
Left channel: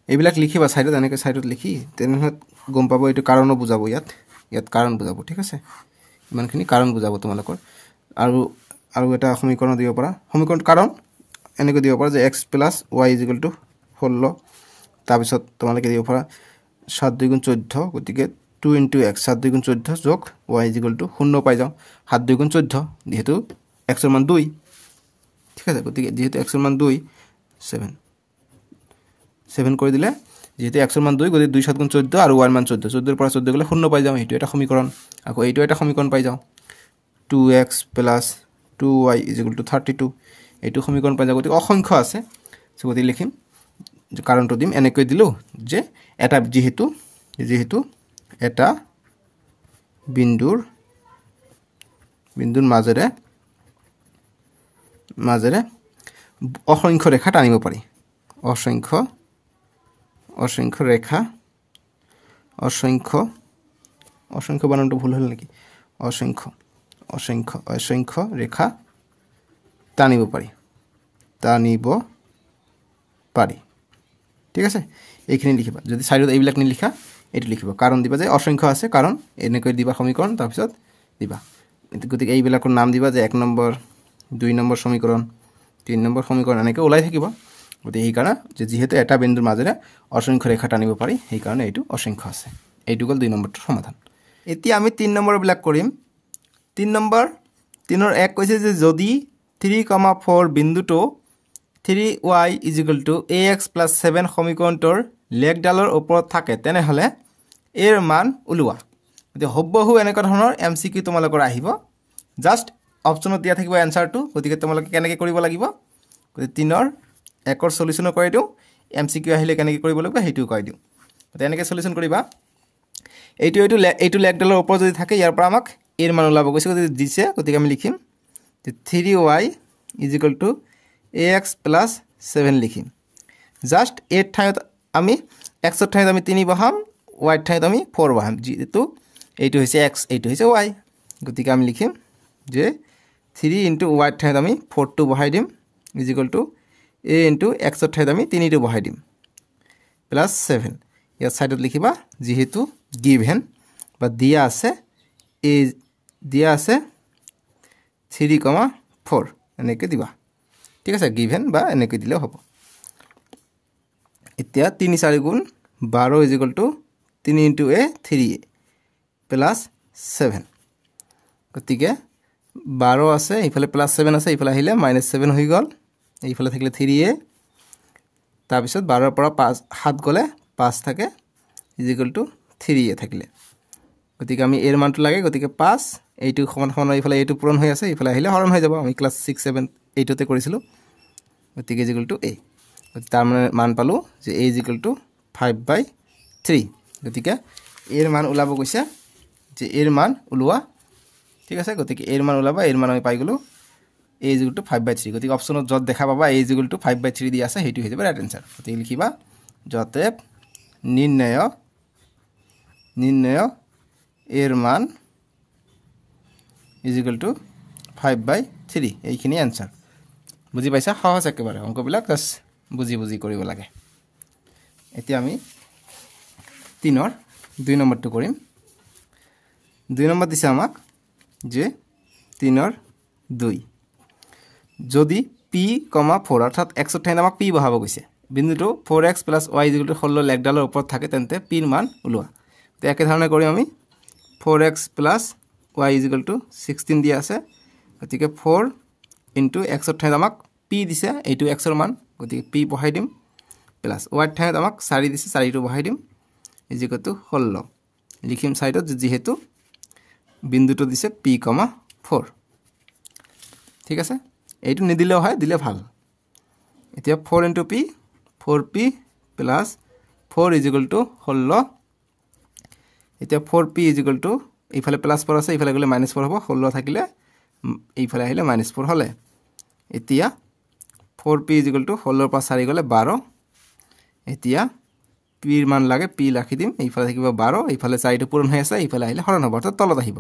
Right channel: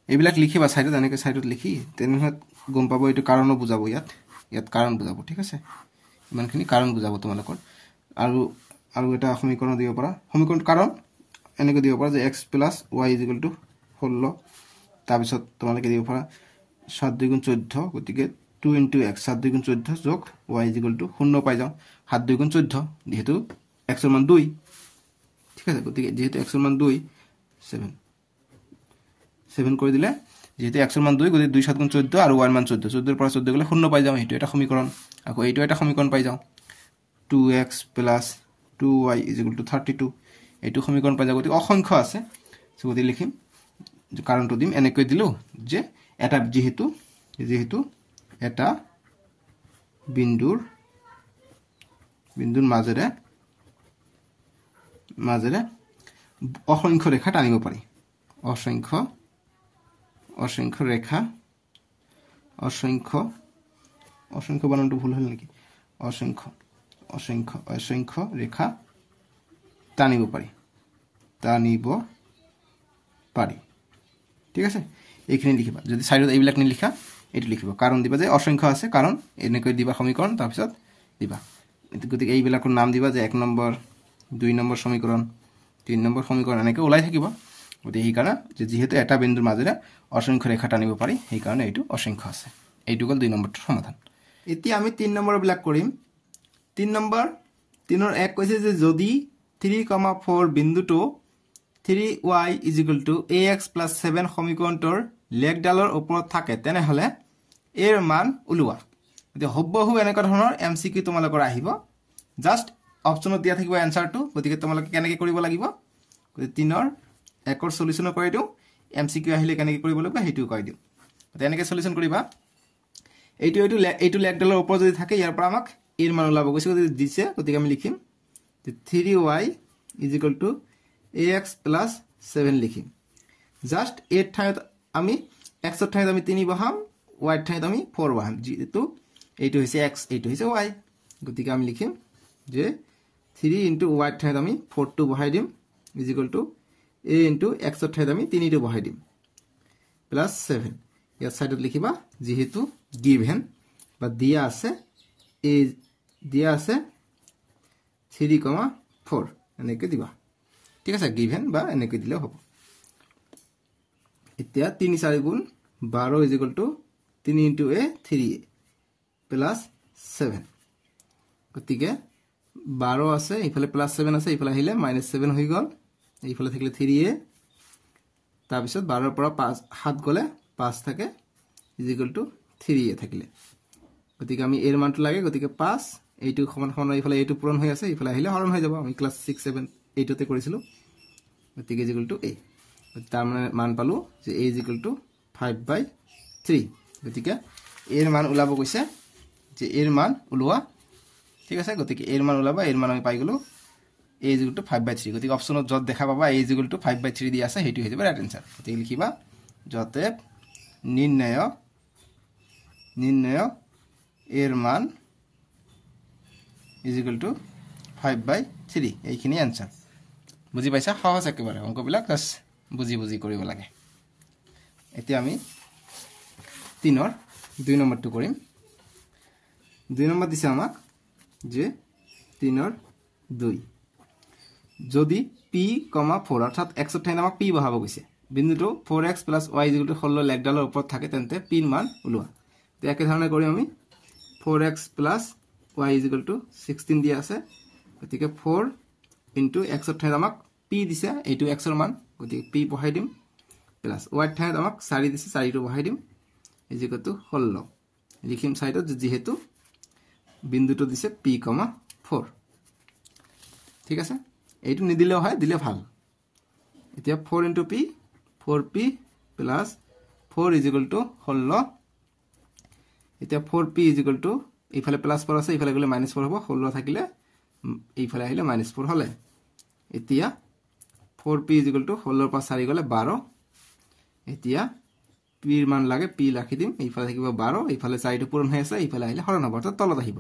এইবিলাক লিখিবা সাইডত এনেকৈ সাইডত লিখি তেনেহলে গম পাবো এইটো কাৰণো বুজাবো ইয়াত কাৰণ বুজাবো ঠিক আছে ইমানখিনি কাৰণ বুজাবো তোমালোকৰ আৰু এটা সমীকৰণ দিব পাৰা সমীকৰণ কাৰণ এনেকৈ দিব পাৰা যে x + y = 16 তাৰ পিছত তোমালোকে দিব পাৰা 7 × 2 = 14 গতিকে 2 * x 7 × 2 = 14 যোগ y = 0 পাই যাও 7 × 2 = 14 যেহেতু x ৰ মান 2 ঠিক আছে গতিকে যেহেতু x ৰ মান 2 7 কৰি দিলে যেহেতু x ৰ মান 2 গতিকে 2 × 7 = 14 আৰু y ৰ মান 14 14 ৰ পৰা 14 গলে 0 পাই যাও এইটো এটা সমীকৰণ আকৌ এইটো এটা সমীকৰণ পাই যাও 2x + 2y = 32 এইটো সমীকৰণ পাই যাও গতিকে অসংখ্য আছে সো গতিকে লিখিম যে কাৰণটো দিম এনেকৈ দিলো যে এটা যেহেতু এটা বিন্দুৰ মাজেৰে অসংখ্য ৰেখা টানিব পাৰি অসংখ্য ৰেখা অসংখ্য বানানটো ভুল হল নেকি অসংখ্য ৰেখা টানিব পাৰি ঠিক আছে এইখিনি লিখিবা যদি সাইডত এইবিলাক নিলিখা এটো লিখিবা কাৰণ দিবা যে অসংখ্য আছে কাৰণ এনেকৈ দিবা সমীকৰণ তাৰ পিছত দিবা গতিকে এইবিলাকৰ নাম দিবা যে 1 নম্বৰ 2 নম্বৰ সমীকৰণ 3 নম্বৰ সমীকৰণ এনেকৈ ওলাই থাকিব গতিকে এই কাৰণে যে যেহেতু এটা বিন্দুৰ মাজেৰে অসংখ্য ৰেখা টানিব পাৰি এই কাৰণে এইটো অসংখ্য আছে এইটো গল 2 নম্বৰটোৰ সমাধান এতিয়া আমি 3 নম্বৰ বিলাক কৰিম 3 নম্বৰ 3 ৰ 1 কৈছে যে যদি 3,4 বিন্দুটো 3y = ax + 7 সমীকৰণটোৰ লেখডালৰ ওপৰত থাকে তেনেহলে এৰ মান উলুৱা গতিকে হবহু এনেকা ধৰণৰ এমসিকিউ তোমালোকৰ আহিব জাস্ট অপচনত দিয়া থাকিব এনসাৰটো গতিকে তোমালোকে কেনেকৈ কৰিব লাগিব গতিকে 3 ৰ 1 ৰ সলিউশন কৰি দিও এমসিকিউ আহিলে কেনেকৈ কৰিব লাগিব হেতু কৈ দিও গতিকে এনেকৈ সলিউশন কৰিবা এইটো লেগডালৰ ওপৰত যদি থাকে ইয়াৰ পৰা আমাক এৰ মান ওলাব কৈছে গতিকে দিছে গতিকে আমি লিখিম যে 3y = ax + 7 লিখিম জাস্ট এর ঠাইত আমি x এর ঠাইত আমি 3 বহাম y এর ঠাইত আমি 4 বহাম যেহেতু এইটো হৈছে x এইটো হৈছে y গতিকে আমি লিখিম যে 3 * y এর ঠাইত আমি 4 বহাই দিম = a * x এর ঠাইত আমি 3 বহাই দিম +7 ইয়াৰ সাইডত লিখিবা যেহেতু গিভেন বা দিয়া আছে a দিয়া আছে 3,4 এনেকে দিবা ঠিক আছে গিভেন বা এনেকে দিলে হ'ব এতিয়া 3 * 4 * 12 = 3 * a 3a +7 গতিকে 12 আছে ইফালে +7 আছে ইফালে আহিলে -7 হৈ গল এইফালে থাকিলে 3a তাৰ পিছত 12 ৰ পৰা 5 7 গলে 5 থাকে = 3a থাকিলে গতিকে আমি এর মানটো লাগে গতিকে 5 এইটো সমান সমান ইফালে এইটো পূৰণ হৈ আছে ইফালে আহিলে হৰণ হৈ যাব আমি ক্লাস 6 7 8 তে কৰিছিলো গতিকে = a তাৰ মানে মান পালো যে a = 5/3 গতিকে এৰ মান ওলাব কৈছে যে এৰ মান ওলোৱা ঠিক আছে গতিকে এর মান ওলাবা এর মান আমি পাই গলো a = 5/3 গতিকে অপচনত যত দেখা পাবা a = 5/3 দি আছে হেতু হৈ যাব ৰাইট আনসাৰ গতিকে লিখিবা যতে নিৰ্ণয় এৰ মান = 5/3 এইখিনি আনসাৰ বুজি পাইছা সহজ একেবাৰে অঙ্কবিলাক জাস্ট বুজি কৰিব লাগে এতিয়া আমি 3 ৰ 2 নম্বৰটো কৰিম 2 নম্বৰ দিছে আমাক যে 3 ৰ 2 যদি p, 4 অর্থাৎ x এর ঠাইত আমাক p বহাব গৈছে বিন্দুটো 4x + y = 16 লেগডালৰ ওপৰত থাকে তেন্তে p ৰ মান ওলোৱা তো একে ধৰণে কৰি আমি 4x + y = 16 দিয়া আছে গতিকে 4 * x এর ঠাইত আমাক p দিছে এইটো x এর মান গতিকে p বহাই দিম প্লাস y এর ঠাইত আমাক 4 দিছে 4টো বহাই দিম = 16 লিখিম সাইডত যেহেতু বিন্দুটো দিছে p, 4 ঠিক আছে এইটো নিদিলেও হয় দিলে ভাল এতিয়া 4 * p 4p + 4 = 16 এতিয়া 4p = ইফালে +4 আছে ইফালে গলে -4 হ'ব 16 থাকিলে এইফালে আহিলে -4 হলে এতিয়া 4p = 16 ৰ পৰা 4 গলে 12 এতিয়া p ৰ মান লাগে p ৰাখি দিম এইফালে থাকিব 12 এইফালে 4টো পূৰণ হৈ আছে এইফালে আহিলে হৰণ হ'ব অৰ্থাৎ তলত আহিব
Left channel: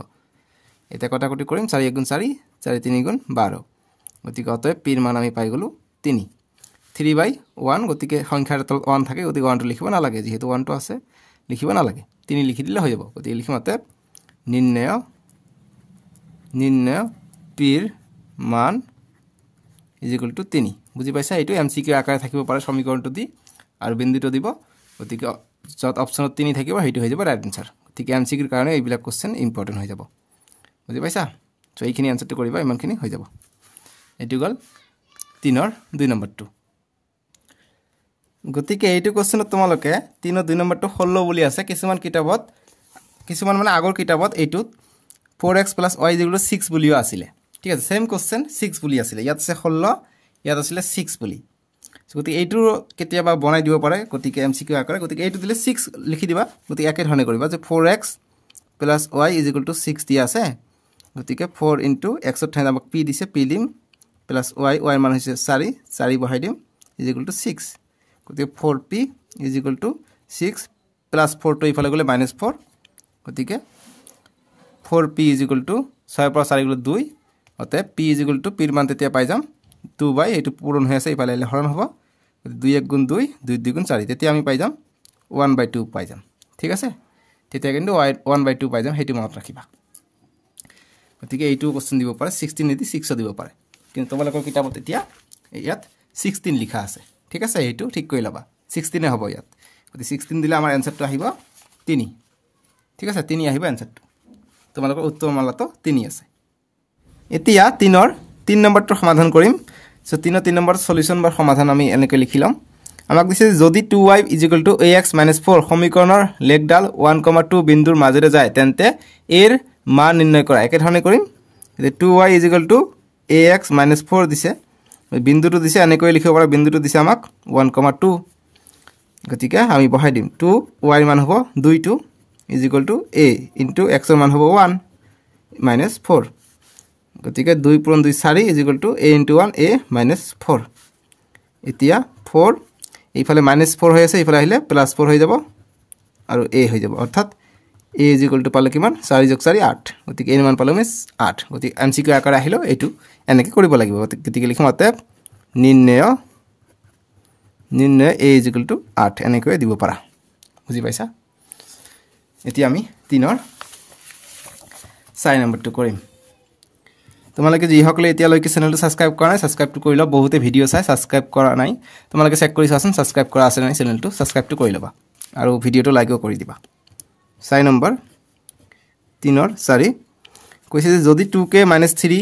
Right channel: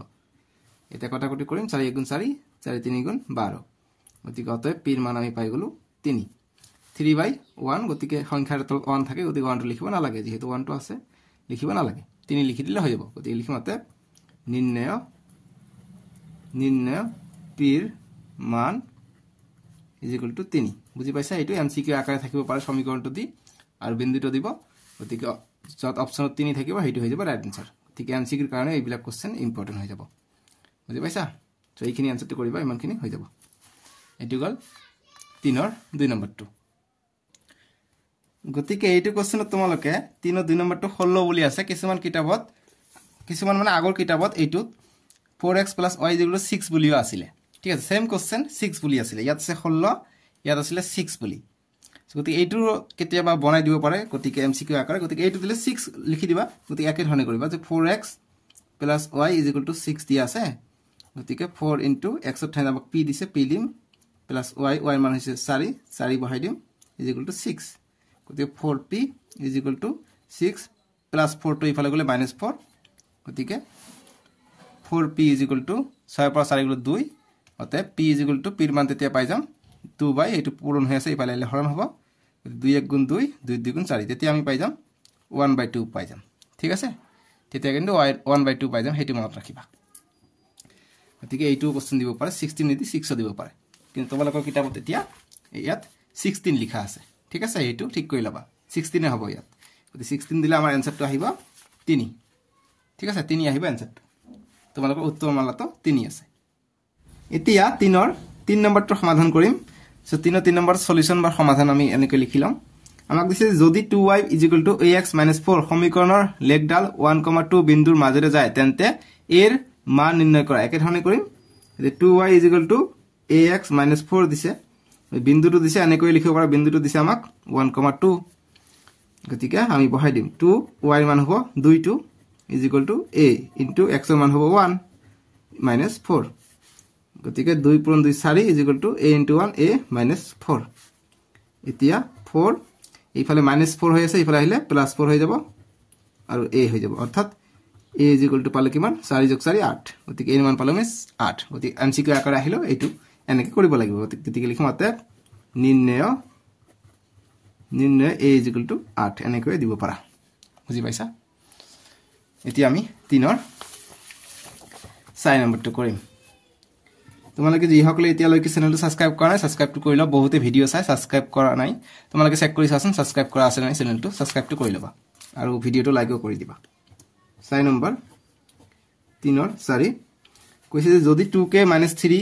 এতিয়া কটাকটি কৰিম 4 * 4 4 * 3 = 12 গতিকে অতএব p ৰ মান আমি পাই গলো 3 3/1 গতিকে সংখ্যাৰ তলত 1 থাকে গতিকে 1টো লিখিব নালাগে যেহেতু 1টো আছে লিখিব নালাগে 3 লিখি দিলে হৈ যাব গতিকে লিখিম অতএব নির্ণয় p ৰ মান = 3 বুজি পাইছা এইটো এমসিকিউ আকাৰে থাকিব পাৰে সমীকৰণটো দি আৰু বিন্দুটো দিব গতিকে যত অপচনত 3 থাকিব হেতু হৈ যাব ৰাইট আনসাৰ গতিকে এমসিকিউৰ কাৰণে এইবিলাক কোশ্চেন ইম্পৰ্টেন্ট হৈ যাব বুজি পাইছা তো এইখিনি আনসাৰটো কৰিবা ইমানখিনি হৈ যাব এটো গল 3 ৰ 2 নম্বৰটো গতিকে এইটো কোশ্চেনত তোমালোকে 3 ৰ 2 নম্বৰটো 16 বুলি আছে কিছুমান মানে আগৰ কিতাপত এইটো 4x + y = 6 বুলিও আছিল ঠিক আছে সেম কোশ্চেন 6 বুলি আছিল ইয়াত আছে 16 ইয়াত আছিল 6 বুলি গতিকে এইটো কেতিয়াবা বনাই দিব পাৰে গতিকে এমসিকিউ আকাৰে গতিকে এইটো দিলে 6 লিখি দিবা গতিকে একে ধৰণে কৰিবা যে 4x + y = 6 দিয়া আছে গতিকে 4 * x এর ঠাইত আমাক p দিছে p দিম প্লাস y এর মান হৈছে 4 4 বহাই দিম = 6 গতিকে 4p = 6 প্লাস 4 টো ইফালে গলে -4 গতিকে 4p = 6 পৰা 4 গলে 2 অতএব p = p ৰ মান তেতিয়া পাই যাম 2 এইটো পূৰণ হৈ আছে ইফালে হৰণ হ'ব 2 * 1 = 2 2 * 2 = 4 তেতিয়া আমি পাই যাম 1/2 পাই যাম ঠিক আছে তেতিয়া কিন্তু 1/2 পাই যাম হেতু মনত ৰাখিবা গতিকে এইটো কোশ্চেন দিব পাৰে 16 নিদি 6 দিব পাৰে কিন্তু তোমালোকৰ কিতাপত এতিয়া ইয়াত 16 লিখা আছে ঠিক আছে এইটো ঠিক কৰি লবা 16 এ হ'ব ইয়াত গতি 16 দিলে আমাৰ আনসাৰটো আহিব 3 ঠিক আছে 3 আহিব আনসাৰটো তোমালোকৰ উত্তৰমালাটো 3 আছে এতিয়া 3 ৰ 3 নম্বৰটো সমাধান কৰিম সো 3 ৰ 3 নম্বৰ সলিউশন বা সমাধান আমি এনেকৈ লিখিলাম আমাক দিছে যদি 2y = ax - 4 সমীকৰণৰ লেগডাল 1,2 বিন্দুৰ মাজেৰে যায় তেন্তে এৰ মান নিৰ্ণয় কৰা একে ধৰণে কৰিম যে 2y = ax - 4 দিছে বিন্দুটো দিছে এনেকৈ লিখিব পাৰা বিন্দুটো দিছে আমাক 1,2 গতিকে আমি বহাই দিম 2y ৰ মান হ'ব 2 টো is equal to a into x ৰ মান হ'ব 1 মাইনাছ 4 গতিকে 2 পূৰণ 2 4 is equal to a into 1 a minus 4 এতিয়া 4 এইফালে মাইনাছ 4 হৈ আছে এইফালে আহিলে প্লাছ 4 হৈ যাব আৰু a হৈ যাব অৰ্থাৎ a ইজ ইকুৱেল টু পালে কিমান 4 যোগ 4 8 গতিকে a ৰ মান পালে 8 গতিকে MCQ আকাৰে আহিলো এইটো এনেকৈ কৰিব লাগিব গতিকে লিখিম অতএব নিৰ্ণয় a ইজ ইকুৱেল টু 8 এনেকৈ দিব পাৰা বুজি পাইছা এতিয়া আমি 3 ৰ 4 নম্বৰটো কৰিম তোমালোকে যিসকলে এতিয়ালৈকে চেনেলটো সাবস্ক্ৰাইব কৰা নাই সাবস্ক্ৰাইবটো কৰি লবা বহুতে ভিডিও চাই সাবস্ক্ৰাইব কৰা নাই তোমালোকে চেক কৰি চাচোন সাবস্ক্ৰাইব কৰা আছে নাই চেনেলটো সাবস্ক্ৰাইবটো কৰি লবা আৰু ভিডিওটো লাইকও কৰি দিবা 4 নম্বৰ 3 ৰ 4 কৈছে যে যদি 2k - 3,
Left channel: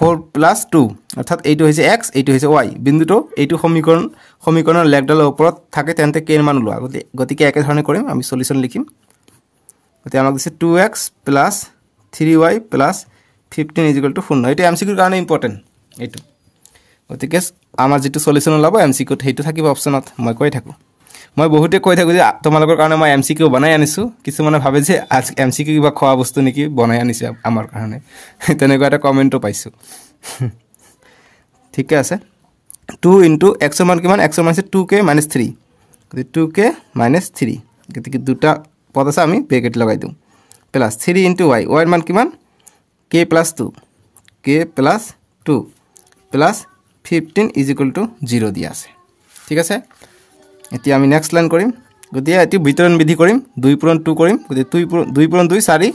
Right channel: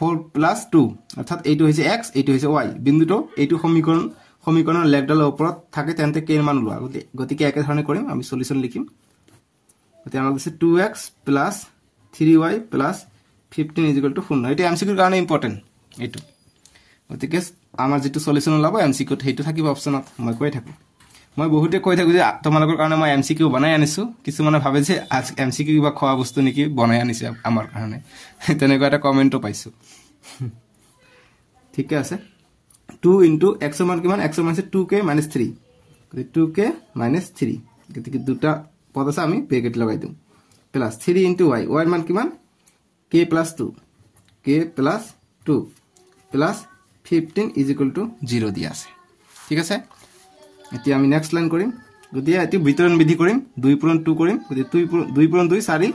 4 + 2 অৰ্থাৎ এইটো হৈছে x এইটো হৈছে y বিন্দুটো এইটো সমীকৰণৰ লেগডালৰ ওপৰত থাকে তেন্তে k ৰ মান লোৱা গতিকে একে ধৰণে কৰিম আমি সলিউশন লিখিম গতিকে আমাক দিছে 2x + 3y + 15 is equal to 0 এটা এমসিকিউৰ কাৰণে ইম্পৰ্টেন্ট এইটো গতিকে আমাৰ যেটো সলিউশন ওলাব এমসিকিউত হেতু থাকিব অপচনত মই কৈ থাকো মই বহুতে কৈ থাকো যে তোমালোকৰ কাৰণে মই এমসিকিউ বনাই আনিছো কিছুমানে ভাবে যে আজ এমসিকিউ কিবা খোৱা বস্তু নেকি বনাই আনিছে আমাৰ কাৰণে তেনেকুৱা এটা কমেন্টও পাইছো ঠিক আছে 2 * x ৰ মান কিমান x ৰ মান আছে 2k - 3 গতিকে 2k - 3 গতিকে দুটা পদ আছে আমি ব্ৰেকেট লগাই দিম প্লাস 3 * y y ৰ মান কিমান k + 2 plus 15 is equal to 0 দিয়া আছে ঠিক আছে এতিয়া আমি নেক্সট লাইন কৰিম গতিকে এটি বিতৰণ বিধি কৰিম 2 পূৰণ 2 কৰিম গতিকে 2 পূৰণ 2 4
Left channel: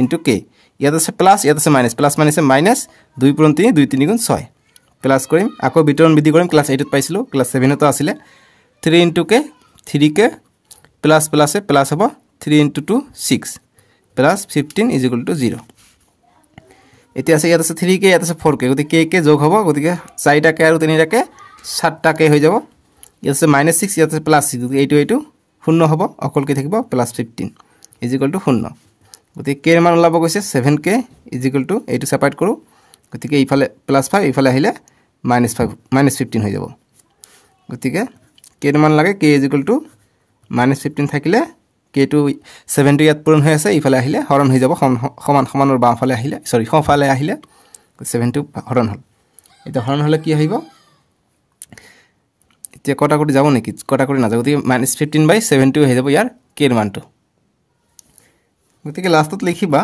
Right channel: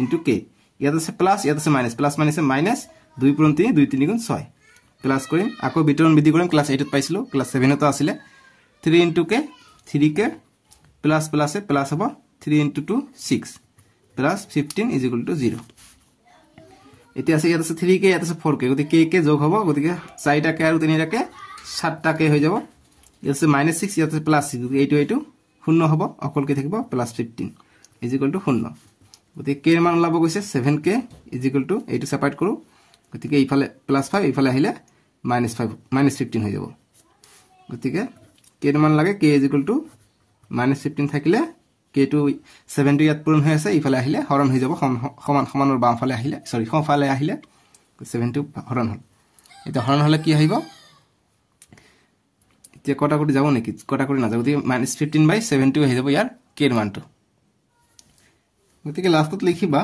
into k ইয়াত আছে প্লাস ইয়াত আছে মাইনাস প্লাস মাইনাস মাইনাস 2 পূৰণ 3 2 3 গুণ 6 প্লাস কৰিম আকৌ বিতৰণ বিধি কৰিম ক্লাস 8 ত পাইছিলো ক্লাস 7 ত আছিল 3 into k 3k plus plus plus হ'ব 3 into 2 6 plus 15 is equal to 0 এতিয়া আছে ইয়াত আছে 3k ইয়াত আছে 4k গতিকে k যোগ হ'ব গতিকে 4টাকে আৰু 3টাকে 7টাকে হৈ যাব ইয়াত আছে -6 ইয়াত আছে +6 গতিকে এইটো শূন্য হ'ব অকলকে থাকিব +15 is equal to 0 গতিকে k ৰ মান ওলাব গৈছে 7k is equal to এইটো সেপাৰেট কৰো গতিকে এইফালে +5 এইফালে আহিলে -5 -15 হৈ যাব গতিকে k ৰ মান লাগে k is equal to -15 থাকিলে k2 7 টো ইয়াত পূৰণ হৈ আছে ইফালে আহিলে হৰণ হৈ যাব সমান সমানৰ বামফালে আহিলে সৰি সোঁফালে আহিলে 7 টো হৰণ হল এটা হৰণ হলে কি আহিব এতিয়া কটাকটি যাব নেকি কটাকটি না যাব গতিকে -15/7 টো হৈ যাব ইয়াৰ k ৰ মানটো গতিকে লাষ্টত লিখিবা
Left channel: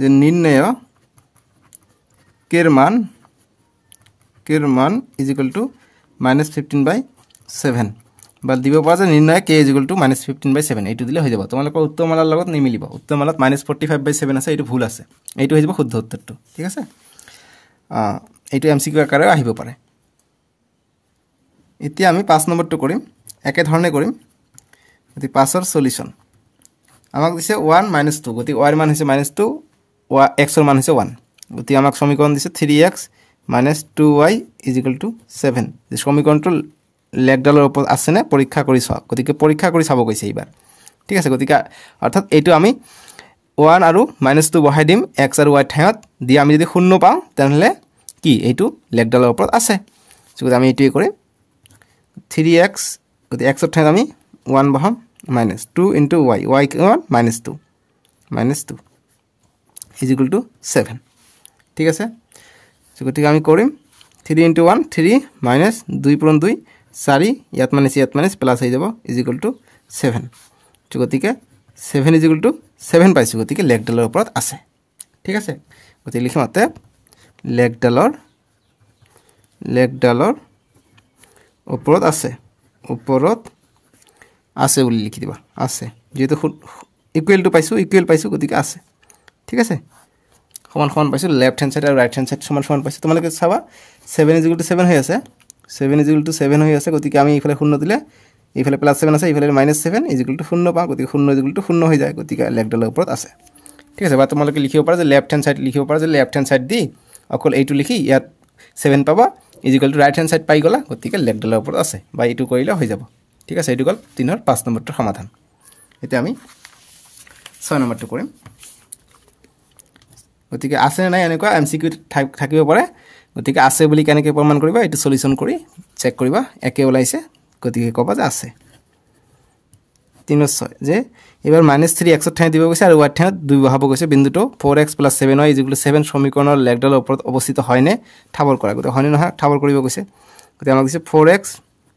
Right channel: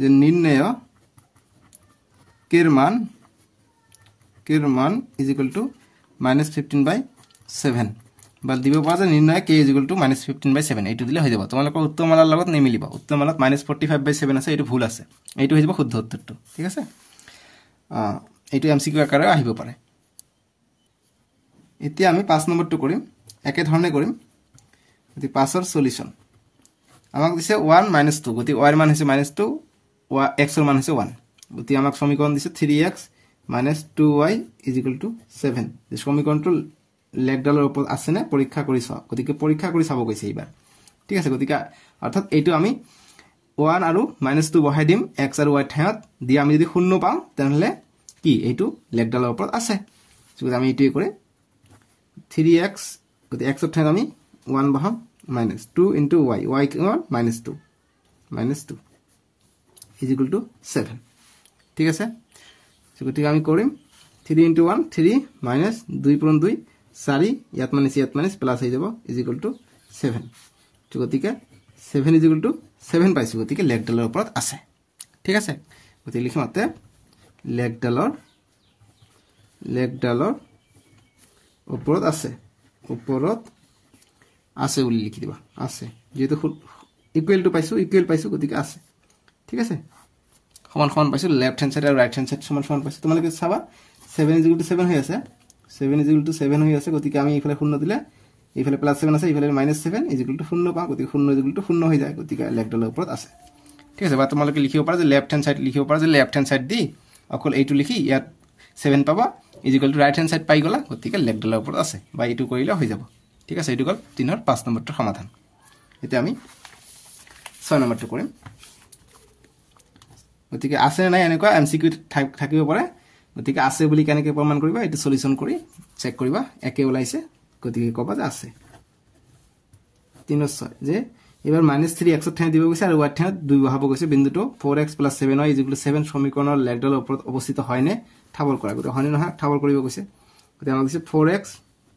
যে নিৰ্ণয় k ৰ মান is equal to -15/7 বা দিব পৰা যে নিৰ্ণয় k is equal to -15/7 এইটো দিলে হৈ যাব তোমালোকৰ উত্তৰমালাৰ লগত নিমিলিব উত্তৰমালাত -45/7 আছে এইটো ভুল আছে এইটো হৈ যাব শুদ্ধ উত্তৰটো ঠিক আছে এইটো এমসিকিউ আকাৰে আহিব পাৰে এতিয়া আমি 5 নম্বৰটো কৰিম একে ধৰণে কৰিম গতি 5 ৰ সলিউশন আমাক দিছে 1 - 2 গতি y ৰ মান হৈছে -2 x ৰ মান হৈছে 1 গতি আমাক সমীকৰণ দিছে 3x - 2y = 7 এই সমীকৰণটো লেগডালৰ ওপৰত আছে নে পৰীক্ষা কৰি চাওক গতিকে পৰীক্ষা কৰি চাব গৈছে এইবাৰ ঠিক আছে গতিকে অৰ্থাৎ এইটো আমি 1 আৰু -2 বহাই দিম x আৰু y ঠাইত দি আমি যদি শূন্য পাওঁ তেনহলে কি এইটো লেগডালৰ ওপৰত আছে গতিকে আমি এইটোই কৰিম 3x গতিকে x ৰ ঠাইত আমি 1 বহাম -2 into y y কিমান -2 is equal to 7 ঠিক আছে গতিকে আমি কৰিম 3 into 1 3 -2 পূৰণ 2 4 ইয়াত মাইনাস প্লাস হৈ যাব is equal to 7 গতিকে 7 is equal to 7 পাইছো গতিকে লেগডালৰ ওপৰত আছে ঠিক আছে গতিকে লিখিম অতে লেগডালৰ ওপৰত আছে বুলি লিখি দিবা আছে যেটো ইকুৱেল টু পাইছো ইকুৱেল পাইছো গতিকে আছে ঠিক আছে সমান সমান পাইছো লেফট হ্যান্ড সাইড আৰু ৰাইট হ্যান্ড সাইড সমান সমান পাইছো তোমালোকে চাবা 7 is equal to 7 হৈ আছে 7 is equal to 7 হৈ আছে গতিকে আমি ইফালে শূন্য দিলে ইফালে +7 আছে ইফালে -7 is equal to 0 পাও গতিকে 0 is equal to 0 হৈ যায় গতিকে লেগডালৰ ওপৰত আছে ঠিক আছে বা তোমালোকে লিখিব পাৰা যে লেফট হ্যান্ড সাইড লিখিব পাৰা যে লেফট হ্যান্ড সাইড দি অকল এইটো লিখি ইয়াত 7 পাবা is equal to right hand side পাই গলা গতিকে লেগডালৰ ওপৰত আছে বা এইটো কৰিলে হৈ যাব ঠিক আছে এইটো গল 3 ৰ 5 নম্বৰটো সমাধান এতিয়া আমি 6 নম্বৰটো কৰিম গতিকে আছে নাই এনেকুৱা এমসিকিউ থাকিব পাৰে গতিকে আছে বুলি কেনেকৈ প্ৰমাণ কৰিবা এটো সলিউশন কৰি চেক কৰিবা একে ওলাইছে গতিকে কবা যে আছে 3/6 যে এবাৰ -3 x ঠাইত দিব গৈছে আৰু y ঠাইত 2 বহাব গৈছে বিন্দুটো 4x + 7y = 7 সমীকৰণৰ লেগডালৰ ওপৰত অৱস্থিত হয়নে ঠাৱৰ কৰা গতে হয়নে নহয় ঠাৱৰ কৰিব গৈছে গতে আমাক দিছে 4x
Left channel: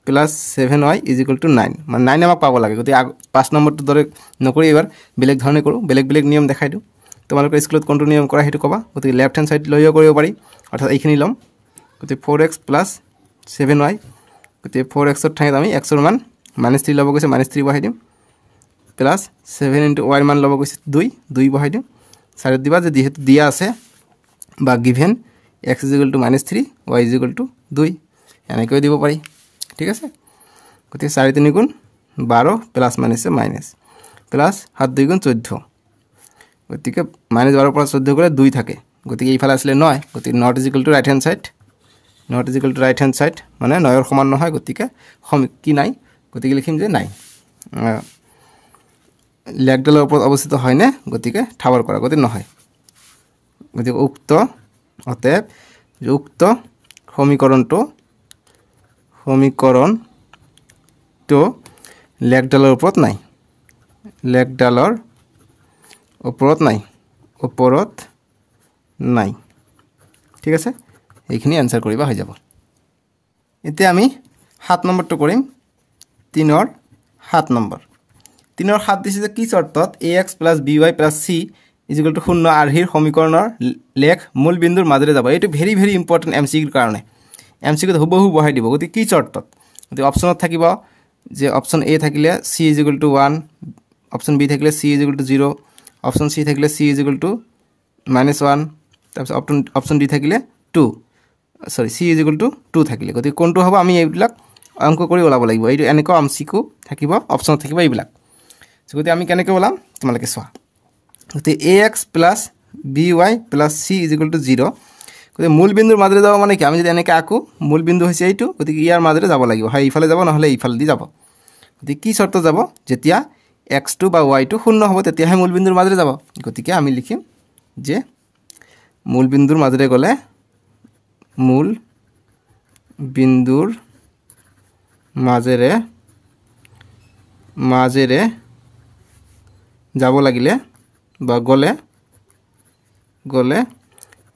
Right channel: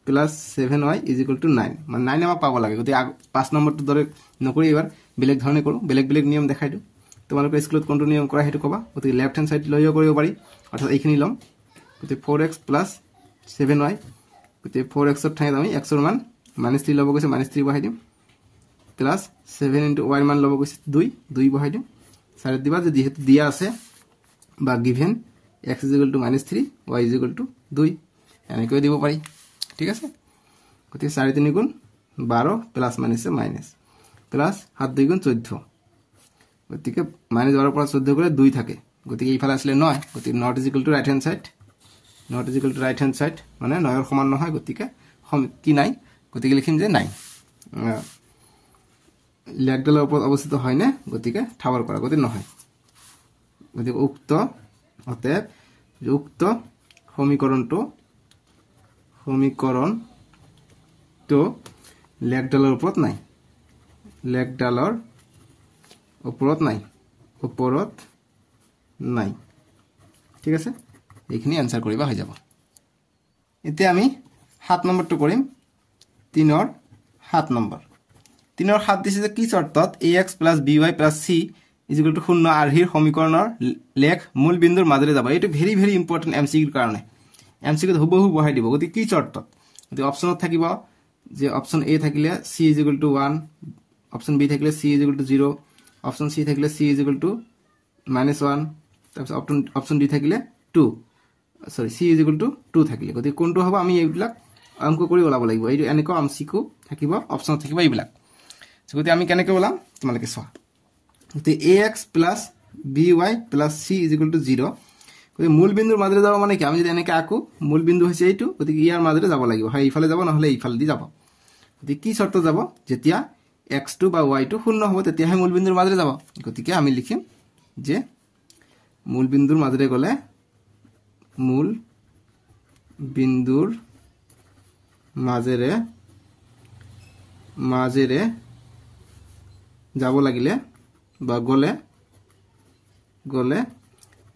+ 7y = 9 মানে 9 আমাক পাব লাগে গতে 5 নম্বৰটো দৰে নকৰি এবাৰ বেলেগ ধৰণে কৰো বেলেগ নিয়ম দেখাই দিও তোমালোকৰ স্কুলত কোনটো নিয়ম কৰা হেতু কবা গতে লেফট হ্যান্ড সাইড লইও কৰিব পাৰি অৰ্থাৎ এইখিনি লম গতে 4x + 7y গতে 4x ৰ ঠাইত আমি x ৰ মান -3 লব গৈছে -3 বহাই দিম প্লাস 7 * y মান লব গৈছে 2 বহাই দিম সাইডত দিবা যে যেহেতু দিয়া আছে বা গিভেন x = -3 y = 2 এনেকৈ দিব পাৰি ঠিক আছে গতি 4 3 গুণ 12 প্লাস মাইনাসে মাইনাস প্লাস 7 2 গুণ 14 গতিকে -12 পৰা 14 গলে 2 থাকে গতিকে এইফালে আসলে 9 গতি not = right hand side not = right hand side মানে 9 ৰ সমান নহয় গতিকে কি নাই গতিকে লিখিম যে 9 লেগডালৰ ওপৰত অৱস্থিত হয় না গতিকে ঠাৱৰ কৰা গতি নহয় গতিকে উক্ত সমীকৰণটো লেগডালৰ ওপৰত নাই ঠিক আছে এইখিনি আনসাৰ কৰিবা হৈ যাব এতিয়া আমি 7 নম্বৰটো কৰিম 3 ৰ 7 নম্বৰ 3 ৰ 7 দিছে যে কি শৰ্তত ax + by + c = 0 আৰ্হিৰ সমীকৰণৰ লেখ মূল বিন্দুৰ মাজেৰে যাব এইটো ভেৰি ভেৰি ইম্পৰ্টেন্ট এমসিকিউৰ কাৰণে এমসিকিউ হুবহু বহাই দিব গতি কি শৰ্তত গতি অপচনত থাকিব যে অপচন এ থাকিলে c = 1 অপচন বি থাকিলে c = 0 অপচন সি থাকিলে c = -1 তাৰপিছত অপচন ডি থাকিলে 2 সৰি c = 2 থাকিলে গতি কোনটো হ'ব আমি এইবিলাক অংক কৰি ওলাব লাগিব এইটো এনেকৈ এমসিকিউ থাকিব অপচনত থাকিব এইবিলাক গতি আমি কেনেকৈ ওলাম তোমালোকে চোৱা গতি ax + by + c = 0 গতি মূল বিন্দুৰ মাজেৰে যাব মানে কি আমি যদি এনেকৈ আকো মূল বিন্দু হৈছে এইটো গতি ইয়াৰ মাজেৰে যাব লাগিব হয় ইফালে যাব নহলে ইফালে দি যাব গতি কি শৰ্ত যাব যেতিয়া x2 বা y2 শূন্য হ'ব তেতিয়াহে মূল বিন্দুৰ মাজেৰে যাব গতিকে আমি লিখিম যে মূল বিন্দুৰ মাজেৰে গলে মূল বিন্দুৰ মাজেৰে যাব লাগিলে বা গলে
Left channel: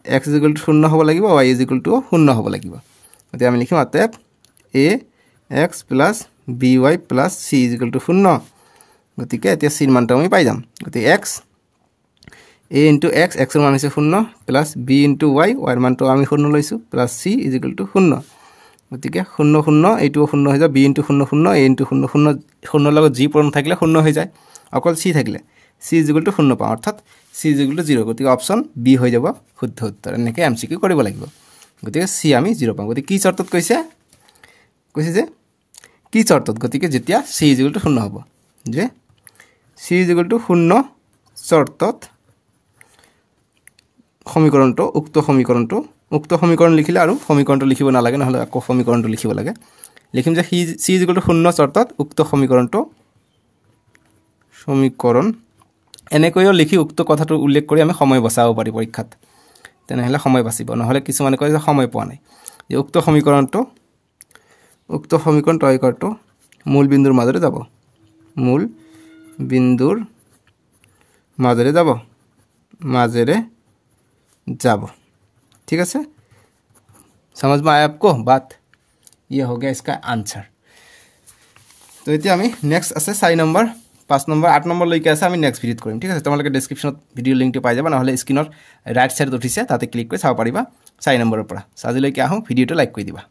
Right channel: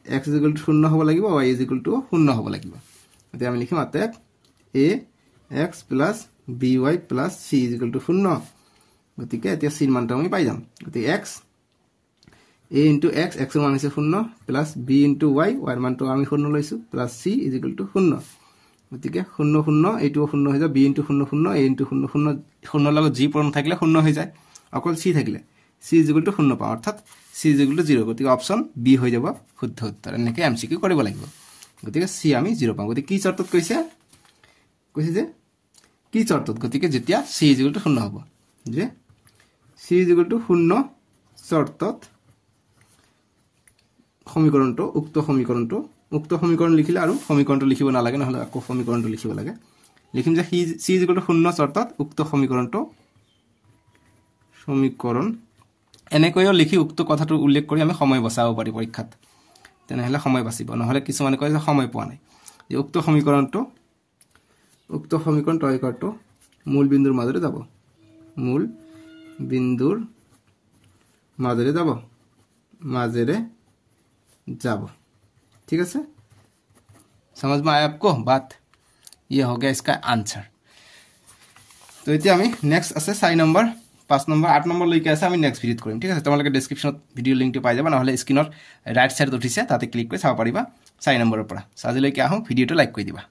x = 0 হ'ব লাগিব y = 0 হ'ব লাগিব গতি আমি লিখিম অতএব ax + by + c = 0 গতিকে এতিয়া c ৰ মানটো আমি পাই যাম গতি x a * x x ৰ মান হৈছে 0 প্লাস b * y y ৰ মানটো আমি 0 লৈছো প্লাস c = 0 গতিকে 0 0 এইটো 0 হৈ যায় b * 0 0 a * 0 0 0 লগত g পূৰণ থাকিলে 0 হৈ যায় অকল c থাকিলে c = 0 পাওঁ অৰ্থাৎ c = 0 গতিকে অপচন বি হৈ যাব শুদ্ধ উত্তৰ এনেকৈ এমসিকিউ কৰিব লাগিব গতিকে c আমি 0 পাওঁ গতিকে কি শৰ্তত কৈছে যে কি শৰ্তত গতিকে যেতিয়া c = 0 হ'ব যে c = 0 শৰ্তত উক্ত সমীকৰণ লিখিলে আৰু সমীকৰণটো লিখিব নালাগে নহলে আকৌ সমীকৰণটো লিখিব লাগে লিখিম যে c = 0 শৰ্তত উক্ত সমীকৰণ এনেকৈও লিখি উক্ত কথাটো উল্লেখ কৰি আমি সময় বচাব পাৰি পৰীক্ষাত তেনেহলে সময় বাচিব নহলে কিছুমানে কয় যে সময় পোৱা নাই যে উক্ত সমীকৰণ তৈয়াৰটো মূল বিন্দুৰ মাজেৰে যাব ठीक है समझ में आया आपको बात ये हो गया इसका आंसर तो इतना हमें नेक्स्ट আছে 4 नंबर 5 नंबर 8 नंबरলৈকে আছে আমি নেক্সট ভিডিওত কৰিম ঠিক আছে তোমালোকে ডেসক্ৰিপচনত ভিডিও লিংকটো পাই যাবা নহলে স্ক্ৰিনৰ ৰাইট সাইডত উঠিছে তাতে ক্লিক কৰি চাব পাৰিবা 4 নম্বৰৰ পৰা আজিলৈকে আহো ভিডিওটো লাইক কৰি দিবা